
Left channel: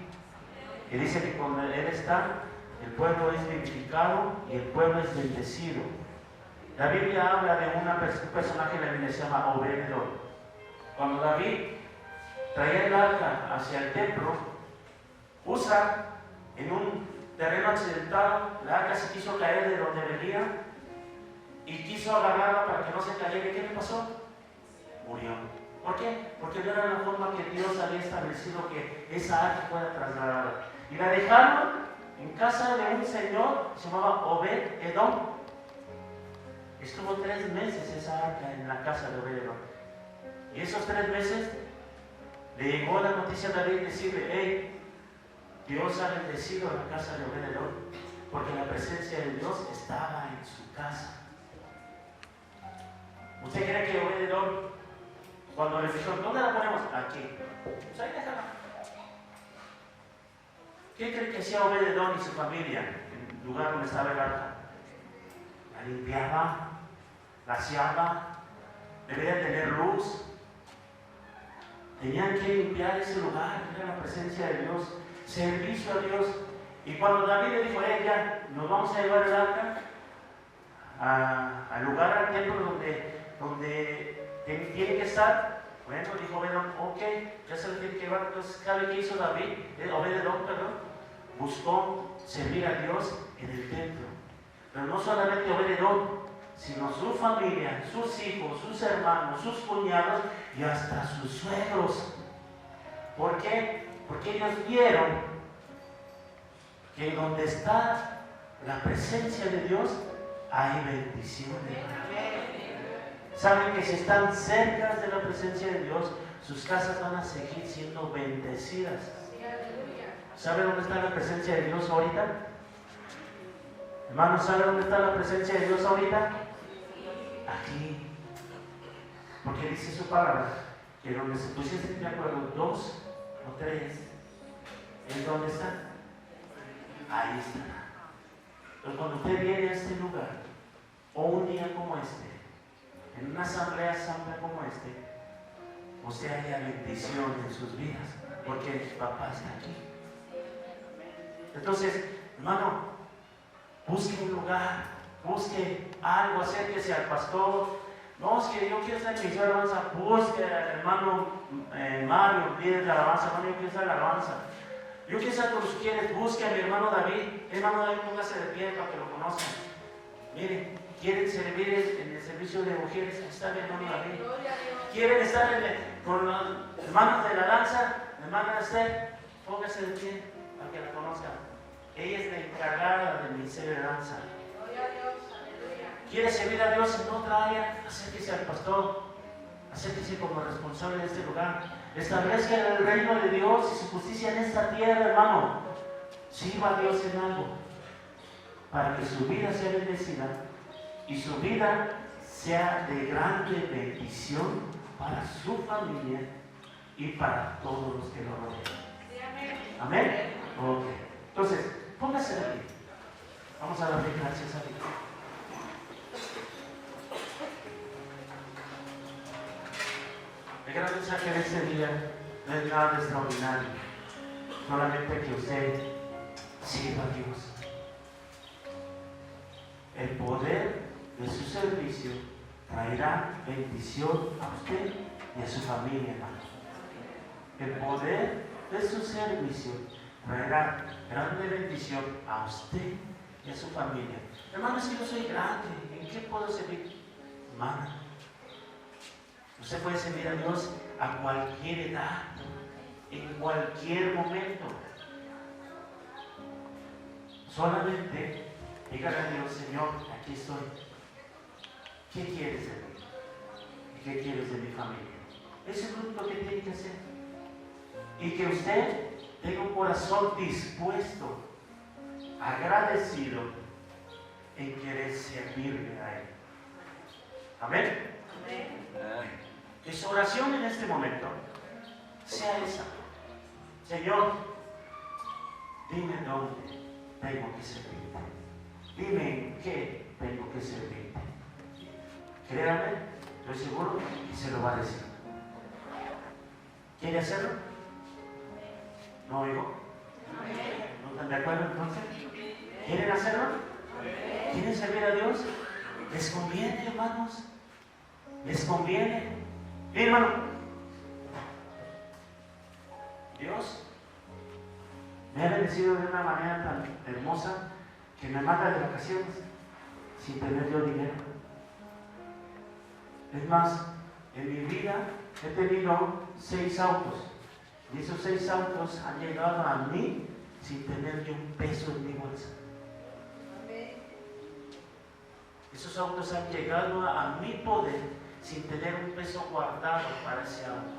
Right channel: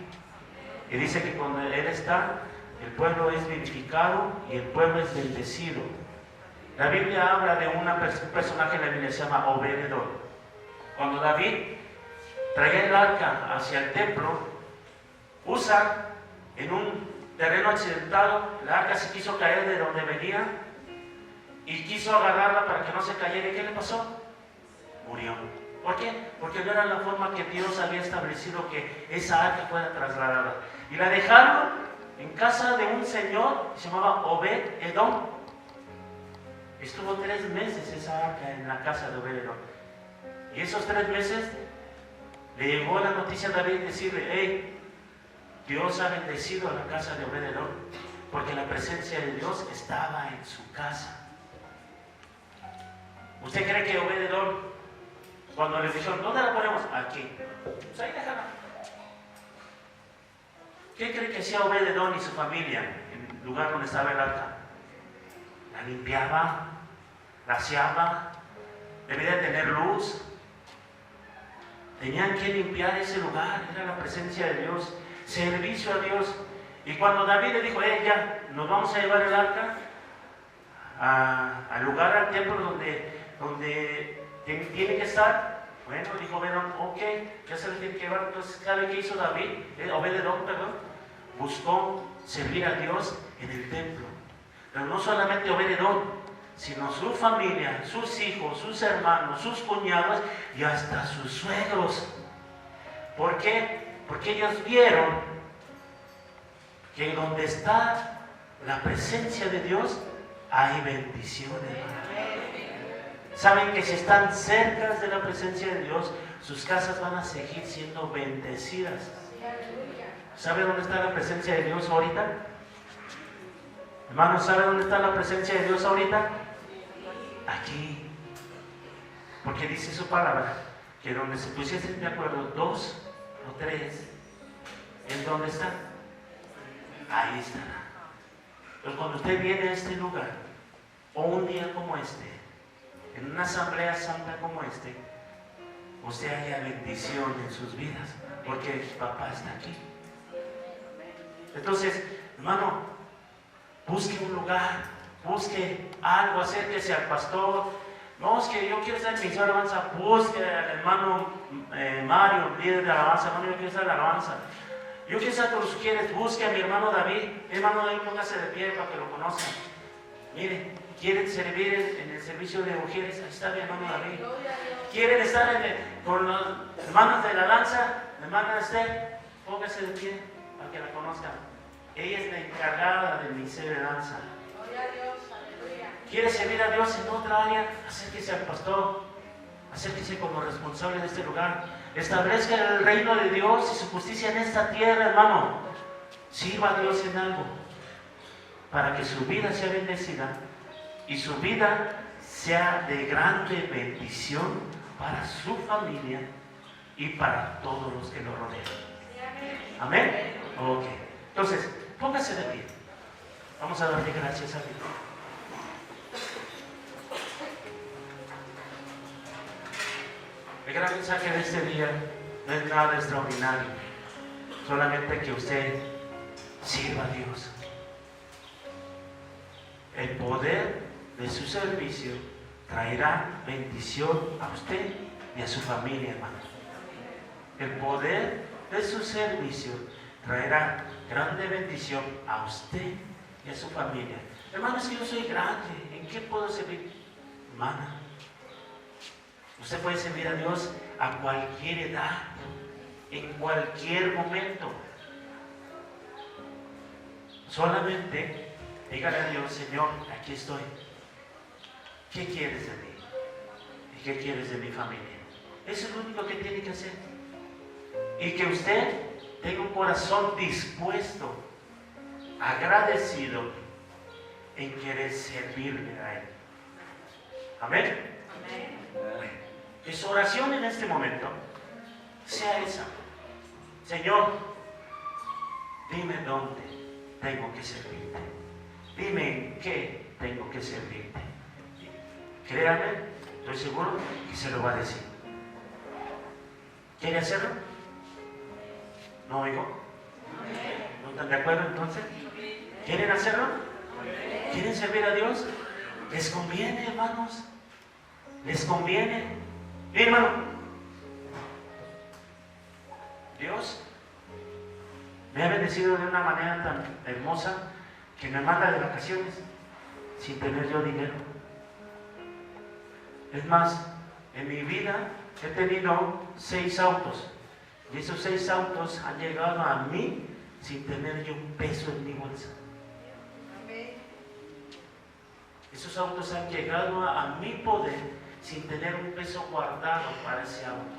Y dice que cuando Él está, el pueblo es vivificado y el pueblo es bendecido. La Biblia habla de un personaje en la Biblia que se llama Obed-Edom. Cuando David traía el arca hacia el templo, Usa, en un terreno accidentado, la arca se quiso caer de donde venía y quiso agarrarla para que no se cayera. ¿Y qué le pasó? Murió. ¿Por qué? Porque no era la forma que Dios había establecido que esa arca fuera trasladada. Y la dejaron en casa de un señor que se llamaba Obed-Edom. Estuvo 3 meses esa arca en la casa de Obed-Edom. Y esos 3 meses le llegó la noticia a David decirle, hey, Dios ha bendecido la casa de Obed-Edom porque la presencia de Dios estaba en su casa. ¿Usted cree que Obed-Edom, cuando le dijeron, ¿dónde la ponemos? Aquí. Pues ahí déjala. ¿Qué cree que hacía Obed-Edom y su familia en el lugar donde estaba el arca? La limpiaba, la aseaba, debía de tener luz. Tenían que limpiar ese lugar, era la presencia de Dios, servicio a Dios. Y cuando David le dijo, ya, nos vamos a llevar el arca al lugar, al templo donde tiene que estar. Bueno, dijo Obed-Edom, ok, ya se lo tiene que llevar. Entonces, ¿sabe qué hizo David? Obed-Edom, perdón. Buscó servir a Dios en el templo. Pero no solamente Obed-Edom, sino su familia, sus hijos, sus hermanos, sus cuñados y hasta sus suegros. ¿Por qué? Porque ellos vieron que donde está la presencia de Dios hay bendiciones. Saben que si están cerca de la presencia de Dios, sus casas van a seguir siendo bendecidas. ¿Sabe dónde está la presencia de Dios ahorita? Hermanos, ¿sabe dónde está la presencia de Dios ahorita? Aquí. Porque dice su palabra que donde se pusiesen de acuerdo 2 o 3, ¿en dónde están? Ahí estará. Entonces, cuando usted viene a este lugar, o un día como este, en una asamblea santa como este, usted haya bendición en sus vidas, porque su papá está aquí. Entonces, hermano, busque un lugar, busque algo, acérquese al pastor. No, es que yo quiero ser ministro de alabanza. Busque al hermano Mario, líder de alabanza. No, yo quiero ser de alabanza. Yo quizás tú los quieres, busque a mi hermano David. Hermano David, póngase de pie para que lo conozcan. Miren, quieren servir en el servicio de mujeres. Ahí está mi hermano David. Quieren estar con los hermanos de la danza. Hermana Esther, póngase de pie para que la conozcan. Ella es la encargada del ministerio de danza. ¿Quiere servir a Dios en otra área? Acérquese al pastor. Acérquese como responsable de este lugar. Establezca el reino de Dios y su justicia en esta tierra, hermano. Sirva a Dios en algo para que su vida sea bendecida y su vida sea de grande bendición para su familia y para todos los que lo rodean. Amén. Ok. Entonces, póngase de pie. Vamos a darle gracias a Dios. El gran mensaje de este día no es nada extraordinario, solamente que usted sirva a Dios. El poder de su servicio traerá bendición a usted y a su familia, hermano. El poder de su servicio traerá grande bendición a usted y a su familia. Hermano, si yo soy grande, ¿en qué puedo servir? Hermana, usted puede servir a Dios a cualquier edad, en cualquier momento. Solamente dígale a Dios: Señor, aquí estoy. ¿Qué quieres de mí? ¿Y qué quieres de mi familia? Eso es lo único que tiene que hacer. Y que usted tenga un corazón dispuesto, agradecido en querer servirle a Él. Amén. Que su oración en este momento sea esa: Señor, dime dónde tengo que servirte. Dime en qué tengo que servirte. Créame, estoy seguro que se lo va a decir. ¿Quiere hacerlo? ¿No oigo? ¿No están de acuerdo entonces? ¿Quieren hacerlo? ¿Quieren servir a Dios? ¿Les conviene, hermanos? ¿Les conviene? Hermano, Dios me ha bendecido de una manera tan hermosa que me manda de vacaciones sin tener yo dinero. Es más, en mi vida he tenido 6 autos y esos 6 autos han llegado a mí sin tener yo un peso en mi bolsa. Esos autos han llegado a mi poder sin tener un peso guardado para ese auto.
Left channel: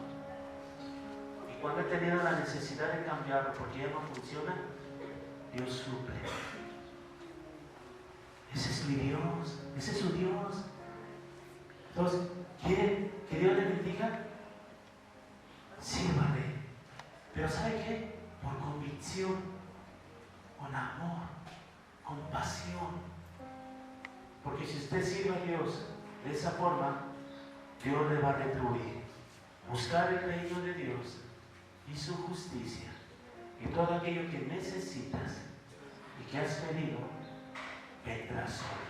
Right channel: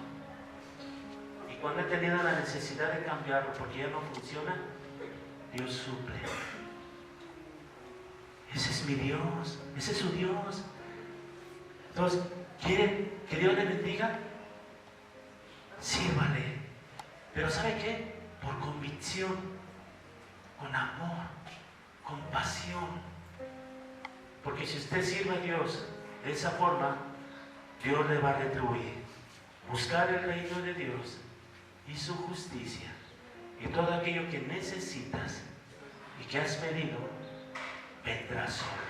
Y cuando he tenido la necesidad de cambiarlo porque ya no funciona, Dios suple. Ese es mi Dios, ese es su Dios. Entonces, ¿quieren que Dios le bendiga? Sírvale. Pero ¿sabe qué? Por convicción, con amor, con pasión. Porque si usted sirve a Dios de esa forma, Dios le va a retribuir. Buscar el reino de Dios y su justicia y todo aquello que necesitas y que has pedido, vendrá solo.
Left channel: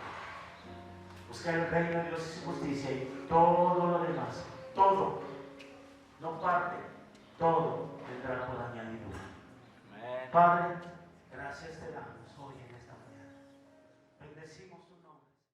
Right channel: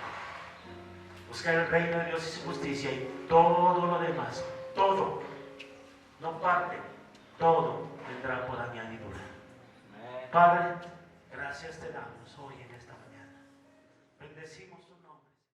Buscar el reino de Dios y su justicia y todo lo demás, todo, no parte, todo vendrá por añadidura. Padre, gracias te